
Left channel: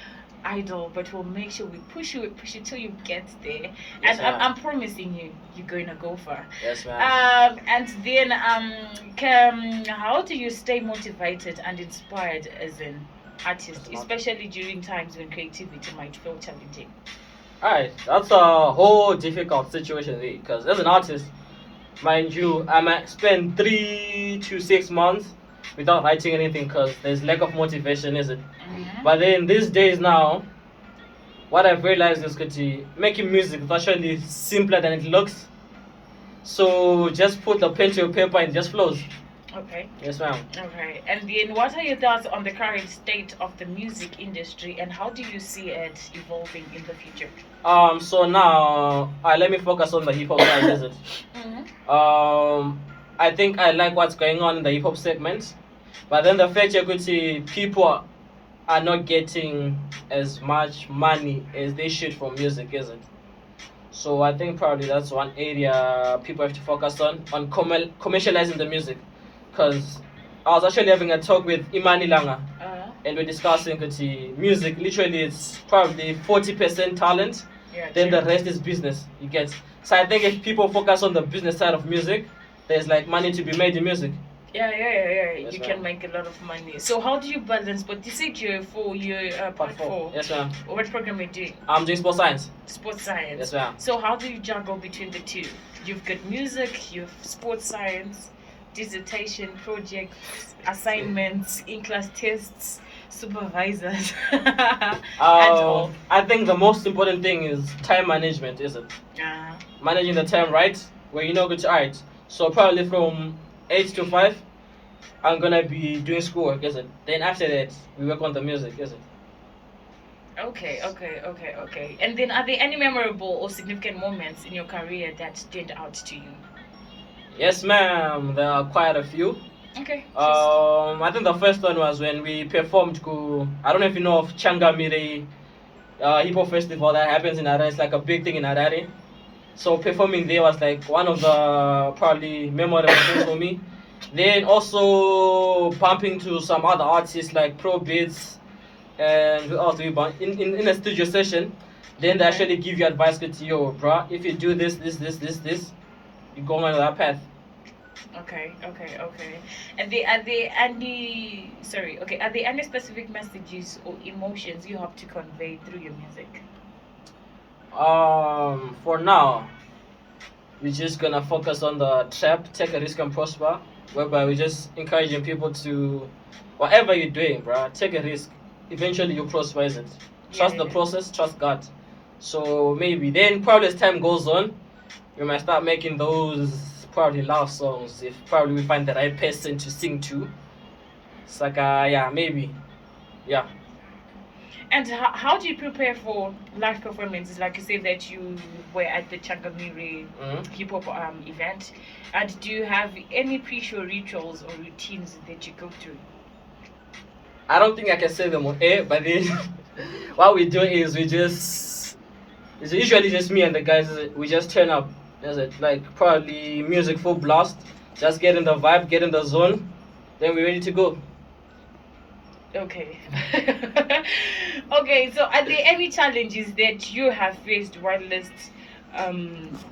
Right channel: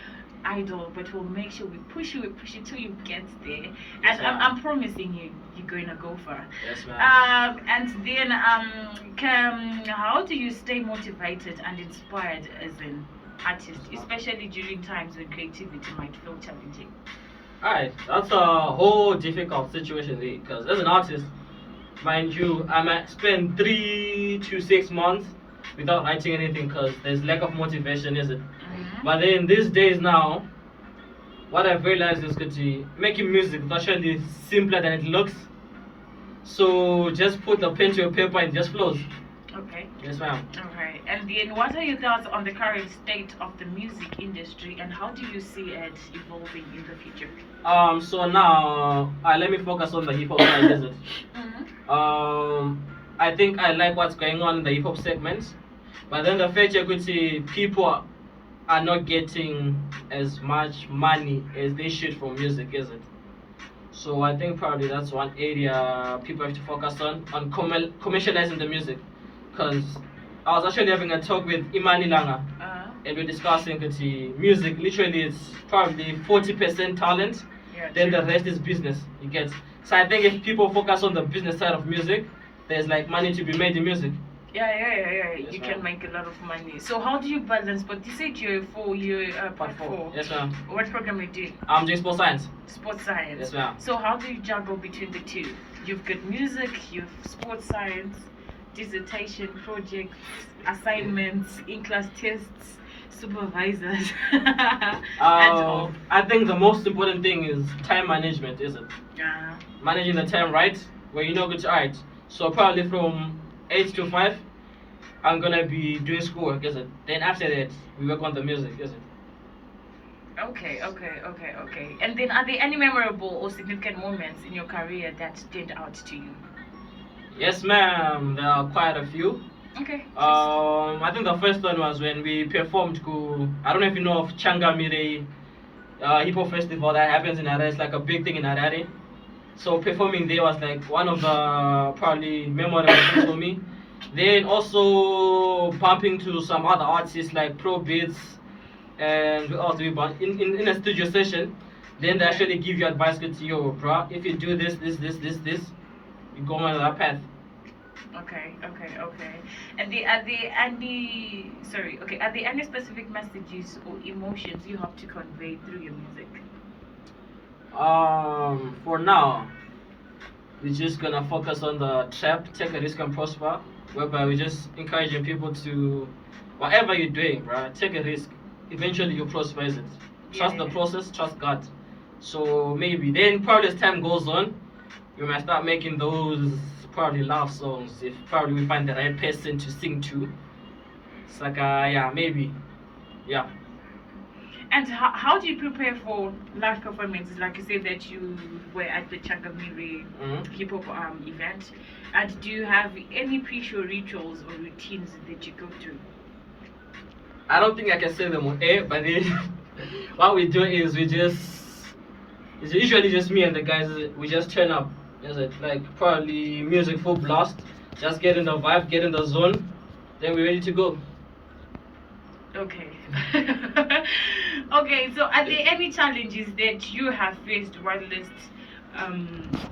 idle, but we'll make sure we push you till you get there. Yes, And I'm promising you, you're going to go far. Yes, ma'am. And then, how do you stay motivated and inspired as an artist, especially during times when creativity might feel challenging? Alright, that's a whole difficult situation there because as an artist, mind you, I might spend 3 to 6 months without writing anything because there's lack of motivation, is it? But then these days now, what I've realized is that making music is actually simpler than it looks. So just put the pen to your paper and it just flows. Okay. Yes, ma'am. Okay. And then, what are your thoughts on the current state of the music industry, and how do you see it evolving in the future? So now, let me focus on the hip hop side, is it? Mm-hmm. I think I like what's going on in the hip hop segment, but then the fact you could see people are not getting as much money as they should from music, is it? So I think probably that's one area people have to focus on commercializing the music, because I was actually having a talk with Imani Langa, and we're discussing that music literally it's probably 40% talent, Yeah. then True. the rest is business. You get. So I think if people focus on the business side of music, there's like money to be made in music. Yeah. Yes, You ma'am. can make a lot of money. So how do you balance? But you said you're part four. Yes, ma'am. What program are you doing? I'm doing sports science. Sports science. Yes, ma'am. So how do you juggle between the two? You've got music, you've sports science, dissertation, projects, assignments, in-class tests, supervisors, and all. I think the most important thing is time management, is it? Uh, Managing the time right, where you know good to art. So probably from 8 to 5, I'm gonna be doing schoolwork, is it? Then after that, we work on the music, is it? okay. And then, are there any memorable or significant moments in your career that stand out to you? Yes, ma'am. There are quite a few. Okay. I think the first one was when we performed. I don't know if you know of Changamire hip hop festival that happens in Harare. It's like a big thing in Harare. So performing there was like one of the probably memorable things for me. Then also bumping to some other artists like Pro Beats and who else do we bump in a studio session. Then they Okay. actually give you advice to yo, bruh, if you do this, you go on that path. Okay. And are there any specific messages or emotions you have to convey through your music? For now, we're just gonna focus on the trap, take a risk and prosper, whereby we're just encouraging people to, whatever you're doing, bruh, take a risk. Eventually, you prosper, is it? Trust the Yeah. process, trust God. So maybe then, probably as time goes on, we might start making those probably love songs if probably we find the right person to sing to. It's like, yeah, maybe, yeah. And how do you prepare for live performances? Like you said that you were at the Changamire Mhm. hip hop event. And do you have any pre-show rituals or routines that you go through? I don't think I can say them on air, but then what we do is it's usually just me and the guys. We just turn up. Is it like probably music full blast? Just get in the vibe, get in the zone, then we're ready to go. Okay. Okay, so are there any challenges that you have faced whilst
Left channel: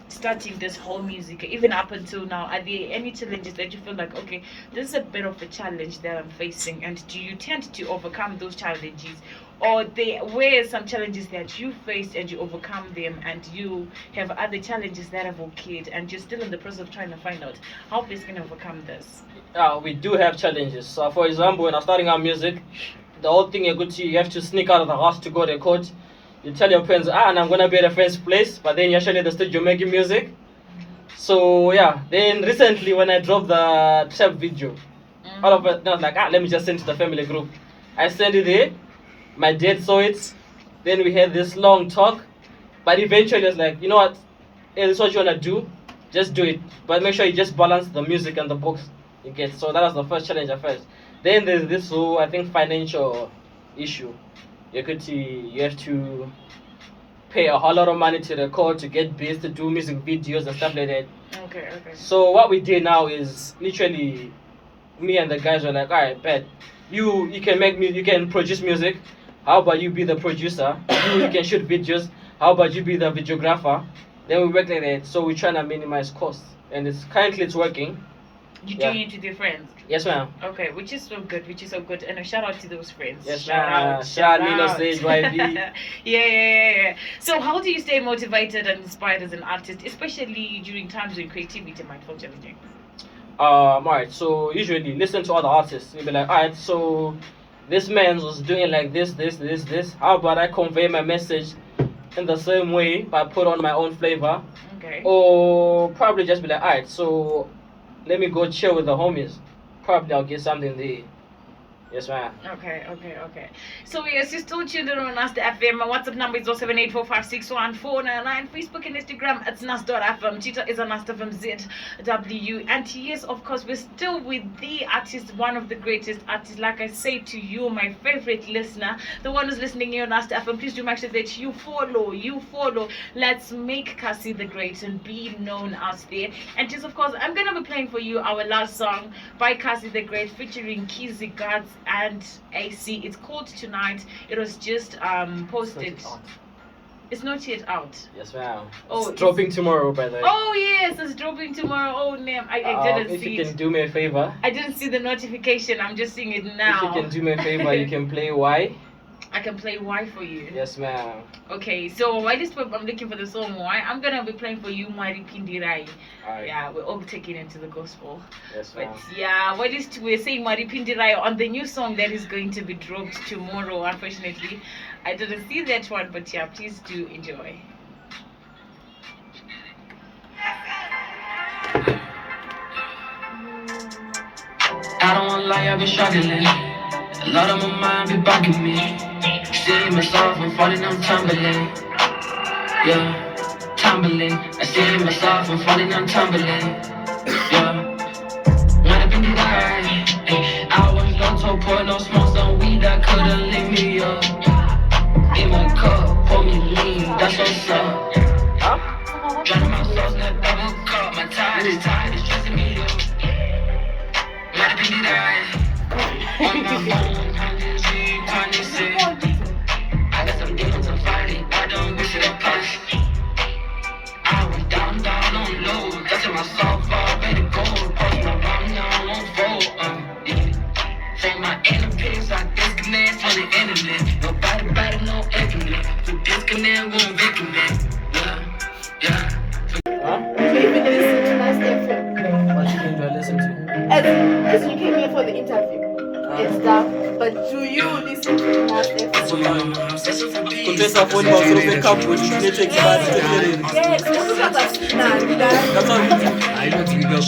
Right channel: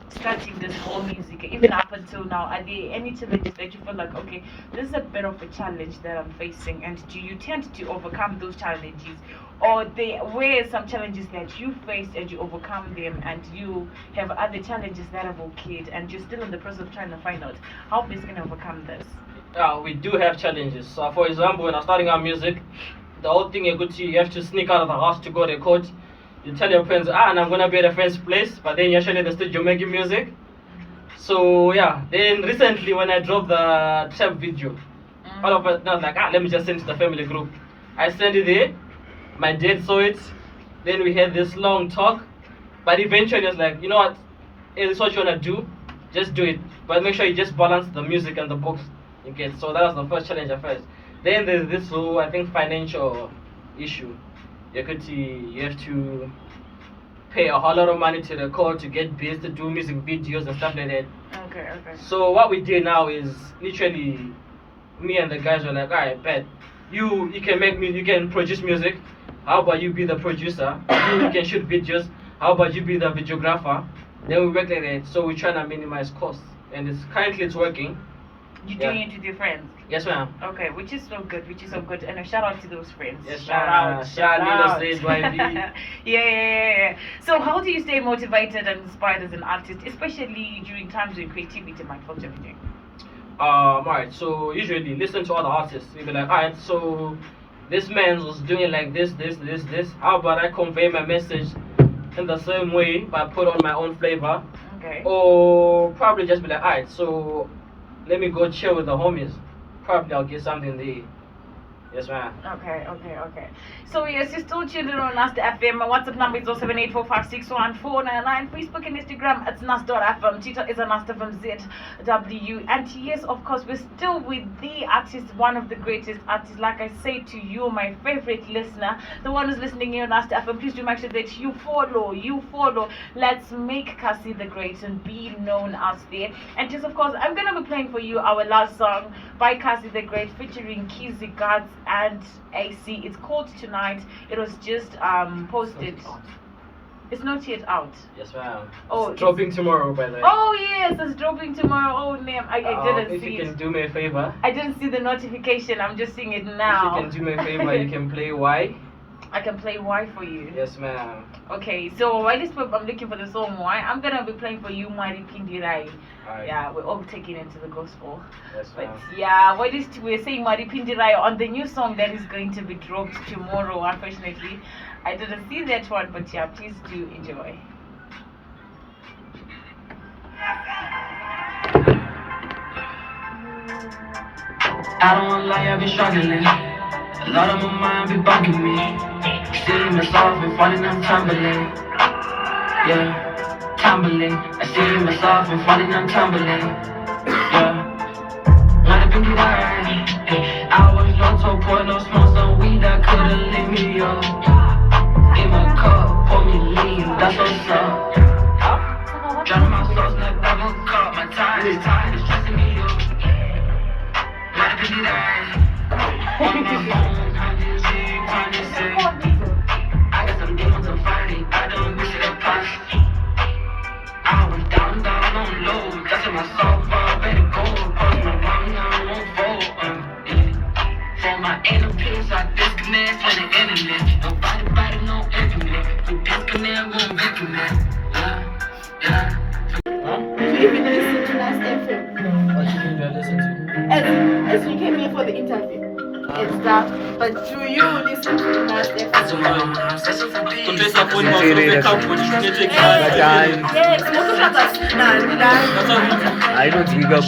starting this whole music, even up until now? Are there any challenges that you feel like, okay, this is a bit of a challenge that I'm facing, and do you tend to overcome those challenges? Or there were some challenges that you faced and you overcome them, and you have other challenges that have occurred, and you're still in the process of trying to find out how best can I overcome this? We do have challenges. So, for example, when I'm starting our music, the whole thing you have to sneak out of the house to go record. You tell your friends, and I'm gonna be at a friend's place, but then you're actually at the studio making music. So yeah, then recently when I dropped the trap video, all of it, I was like, let me just send to the family group. I sent it there. My dad saw it. Then we had this long talk, but eventually I was like, you know what? Hey, this is what you wanna do. Just do it, but make sure you just balance the music and the books. You get. So that was the first challenge at first. Then there's this whole, I think, financial issue. You have to pay a whole lot of money to record, to get beats, to do music videos and stuff like that. Okay. So what we do now is literally me and the guys are like, alright, bet you can produce music. How about you be the producer? You can shoot videos. How about you be the videographer? Then we work like that. So we're trying to minimize costs, and it's working. You're Yeah. doing it with your friends. Yes, ma'am. Okay, which is so good, And a shout out to those friends. Yes, shout ma'am. out. Shout out, Sage YB. Yeah. So how do you stay motivated and inspired as an artist, especially during times when creativity might feel challenging? Alright, so usually listen to other artists. You'll be like, alright, so this man was doing like this. How about I convey my message in the same way, but put on my own flavor? Okay. Or probably just be like, alright, so let me go chill with the homies. Probably I'll get something there. Yes, ma'am. Okay. So yes, you're still tuned in on NUST FM. My WhatsApp number is 07845611499. Facebook and Instagram it's NUST.fm. Twitter is a NUST FM ZW. And yes, of course, we're still with the artist, one of the greatest artists. Like I say to you, my favorite listener, the one who's listening here on NUST FM, please do make sure that you follow. Let's make Kas The Great and be known out there. And just of course, I'm gonna be playing for you our last song by Kas The Great featuring Kizzy Guards and AC. It's called Tonight. It was just posted. It's not yet out. Yes, ma'am. Oh, it's dropping tomorrow, by the way. Oh yes, it's dropping tomorrow. Oh damn, I didn't if see you it. can do me a favor. I didn't see the notification. I'm just seeing it now. If you can do me a favor, you can play Y. I can play Y for you. Yes, ma'am. Okay, so while this I'm looking for the song Y, I'm gonna be playing for you Mari Pindirai. Alright. Yeah, we're all taking into the gospel. Yes, But ma'am. yeah, we're saying Mari Pindirai on the new song that is going to be dropped tomorrow. Unfortunately, I didn't see that one, but yeah, please do enjoy. I don't wanna lie, I've been struggling. A lot on my mind be bugging me. See myself and falling, I'm tumbling. Yeah, tumbling. I see myself and falling, I'm tumbling. Yeah, might have been right. I was low to pour no smoke, some weed that could've lit me up. In my cup, pour me lean, that's what's up. Drowning my sauce in a double cup. My tide is stressing me up. Might have been right. On my phone, 126. I got some demons I'm fighting. I don't wish it upon. I was down on low. Touching myself up, ready to go. Push my mom, now I won't fold. Yeah. For my enemies, I disconnect from the internet. Nobody better, no internet. We disconnect, we won't reconnect. Yeah. Maybe listen to NUST FM. What you can do I listen to? As you came here for the interview and stuff, but do you listen to NUST FM? Contesta phone box of the couple network. Yes, most of us are now. That's how we do. I don't think we got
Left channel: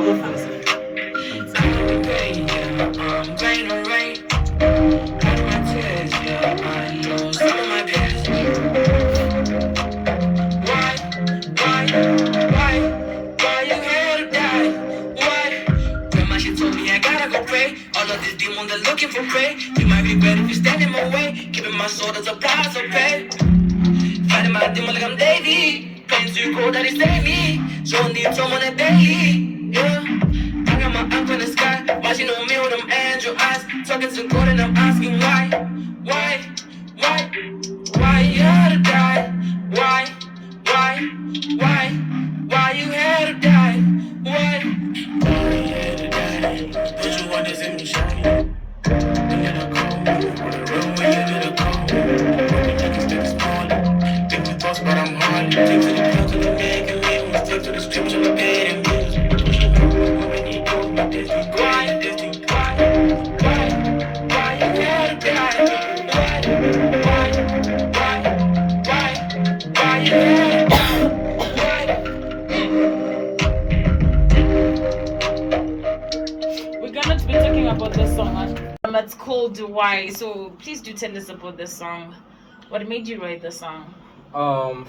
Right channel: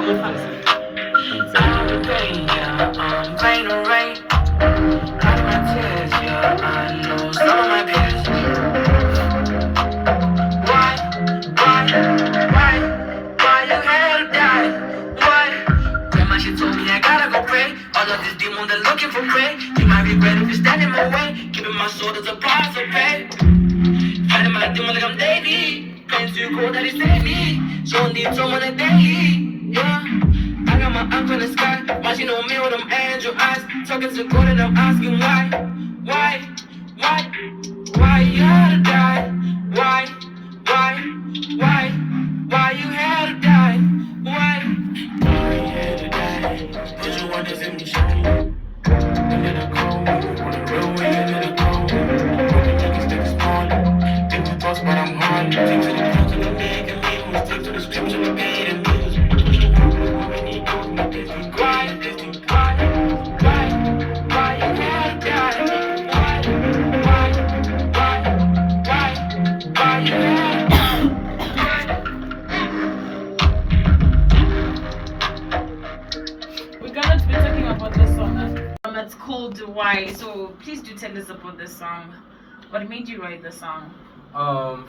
Move on. All of these demons are looking for prey. You might regret if you stand in my way. Keeping my soul as a price of pay. Fighting my demon like I'm Davey. Playing too cold that he saved me. So I need someone that daily. Yeah. I got my uncle in the sky. Watching on me with them angel eyes. Talking to God and I'm asking why. Why you had to die? Why you had to die? Why you had to die? Put your wonders in me shine. Into the cold, roll into the cold. Niggas take a spawn. Different thoughts, but I'm hard. Take to the pill to the neck and leave. Take to the scripture, I paid and news. Pushing hard, when he goes, my destiny. Why you had to die? Why you had to die? We're gonna be talking about the song. It's called Why. So please do tell us about the song. What made you write the song?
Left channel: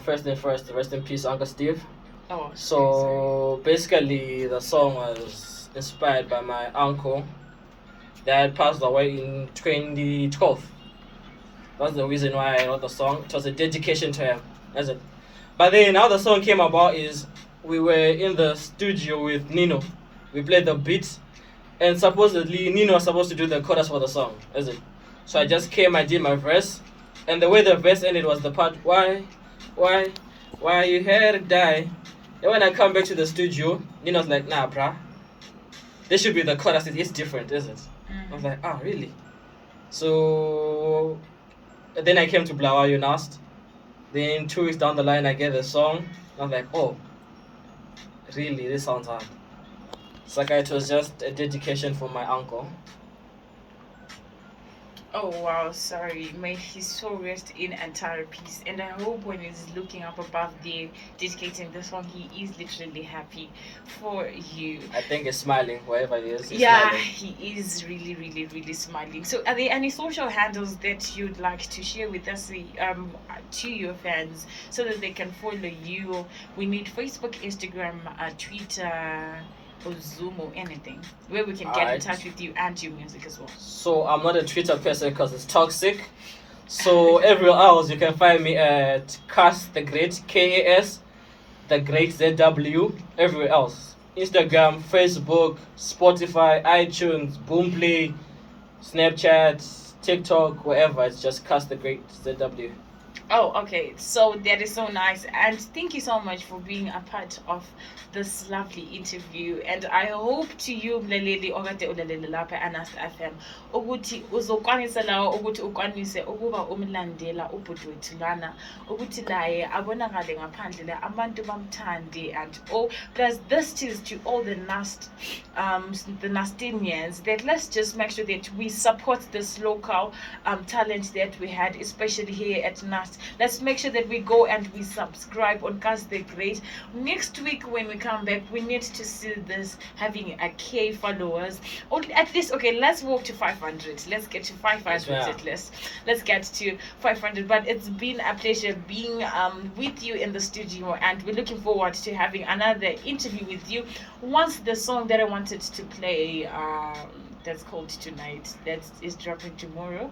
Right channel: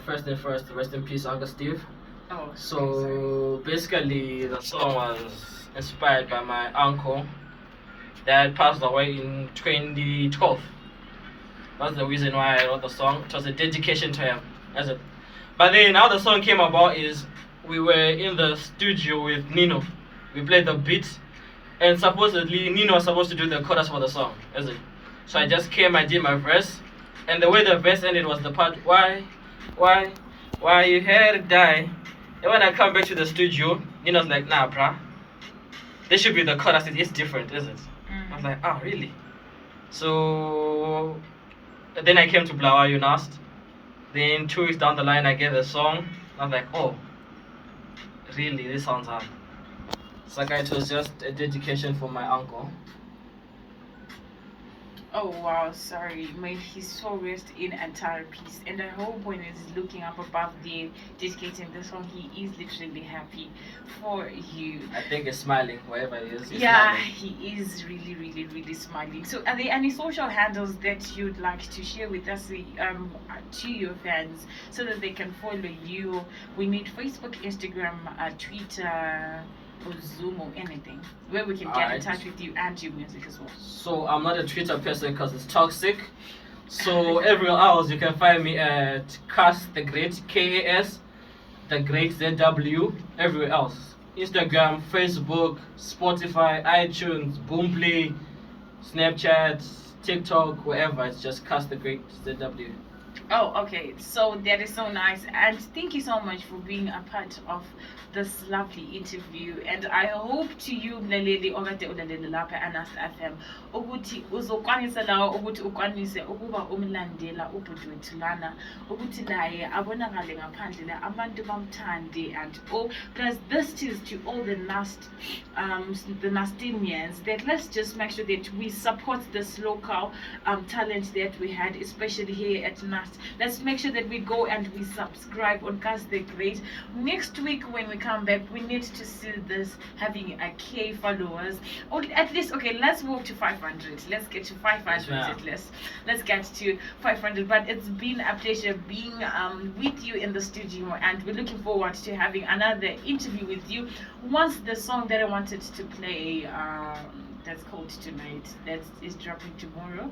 First thing first, rest in peace, Uncle Steve. Oh. So basically, the song was inspired by my uncle that passed away in 2012. That's the reason why I wrote the song. It was a dedication to him. That's it. But then how the song came about is we were in the studio with Nino. We played the beats, and supposedly Nino was supposed to do the chorus for the song. Is it? So I just came, I did my verse, and the way the verse ended was the part why you had to die. And when I come back to the studio, Nino's like, nah, bruh, this should be the chorus. It's different, is it? I was like, oh, really? So then I came to Blawayo NUST. Then 2 weeks down the line, I get the song. I was like, oh, really? This sounds hard. It's like it was just a dedication for my uncle. Oh wow, sorry. May his soul rest in entire peace. And I hope when he's looking up above there, dedicating the song, he is literally happy for you. I think he's smiling wherever he is. He's Yeah, smiling. he is really, really, really smiling. So, are there any social handles that you'd like to share with us, to your fans, so that they can follow you? We need Facebook, Instagram, Twitter, or Zoom, or anything where we can get in Alright. touch with you and your music as well. So I'm not a Twitter person because it's toxic. So everywhere else you can find me at Kas The Great, KAS The Great ZW. Everywhere else, Instagram, Facebook, Spotify, iTunes, Boomplay, Snapchat, TikTok, wherever. It's just Kas The Great ZW. Oh, okay. So that is so nice. And thank you so much for being a part of this lovely interview. And I hope to you, Mlaleli okade ulalele lapha NUST FM, ukuthi uzokwanisa lawo ukuthi ukwanise ukuba umlandela ubhuti wethu lana, ukuthi naye abonakale ngaphandle la abantu bamthande, and all. Plus, this is to all the NUSTinians, that let's just make sure that we support this local talent that we had, especially here at NUST. Let's make sure that we go and we subscribe on Kas The Great. Next week when we come back, we need to see this having a K followers, or at least, okay, let's walk to 500. Let's get to 500 Yes, at least. Let's get to 500. But it's been a pleasure being with you in the studio, and we're looking forward to having another interview with you once the song that I wanted to play, that's called Tonight, that is dropping tomorrow,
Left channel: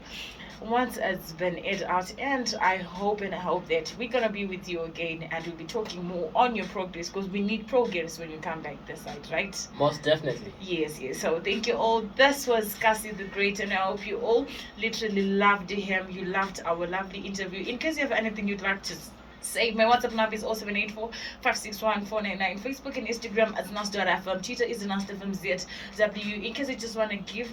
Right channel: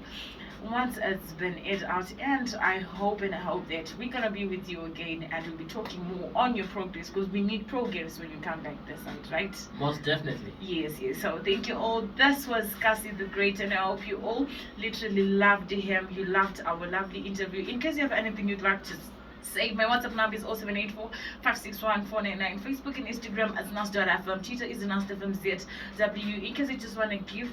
once it's been aired out. And I hope that we're gonna be with you again, and we'll be talking more on your progress, because we need progress when you come back this side, right? Most definitely. Yes. So thank you all. This was Kas The Great, and I hope you all literally loved him. You loved our lovely interview. In case you have anything you'd like to say, my WhatsApp number is 0784 561 499. Facebook and Instagram as NUST.FM. Twitter is NUST.FM ZW. In case you just want to give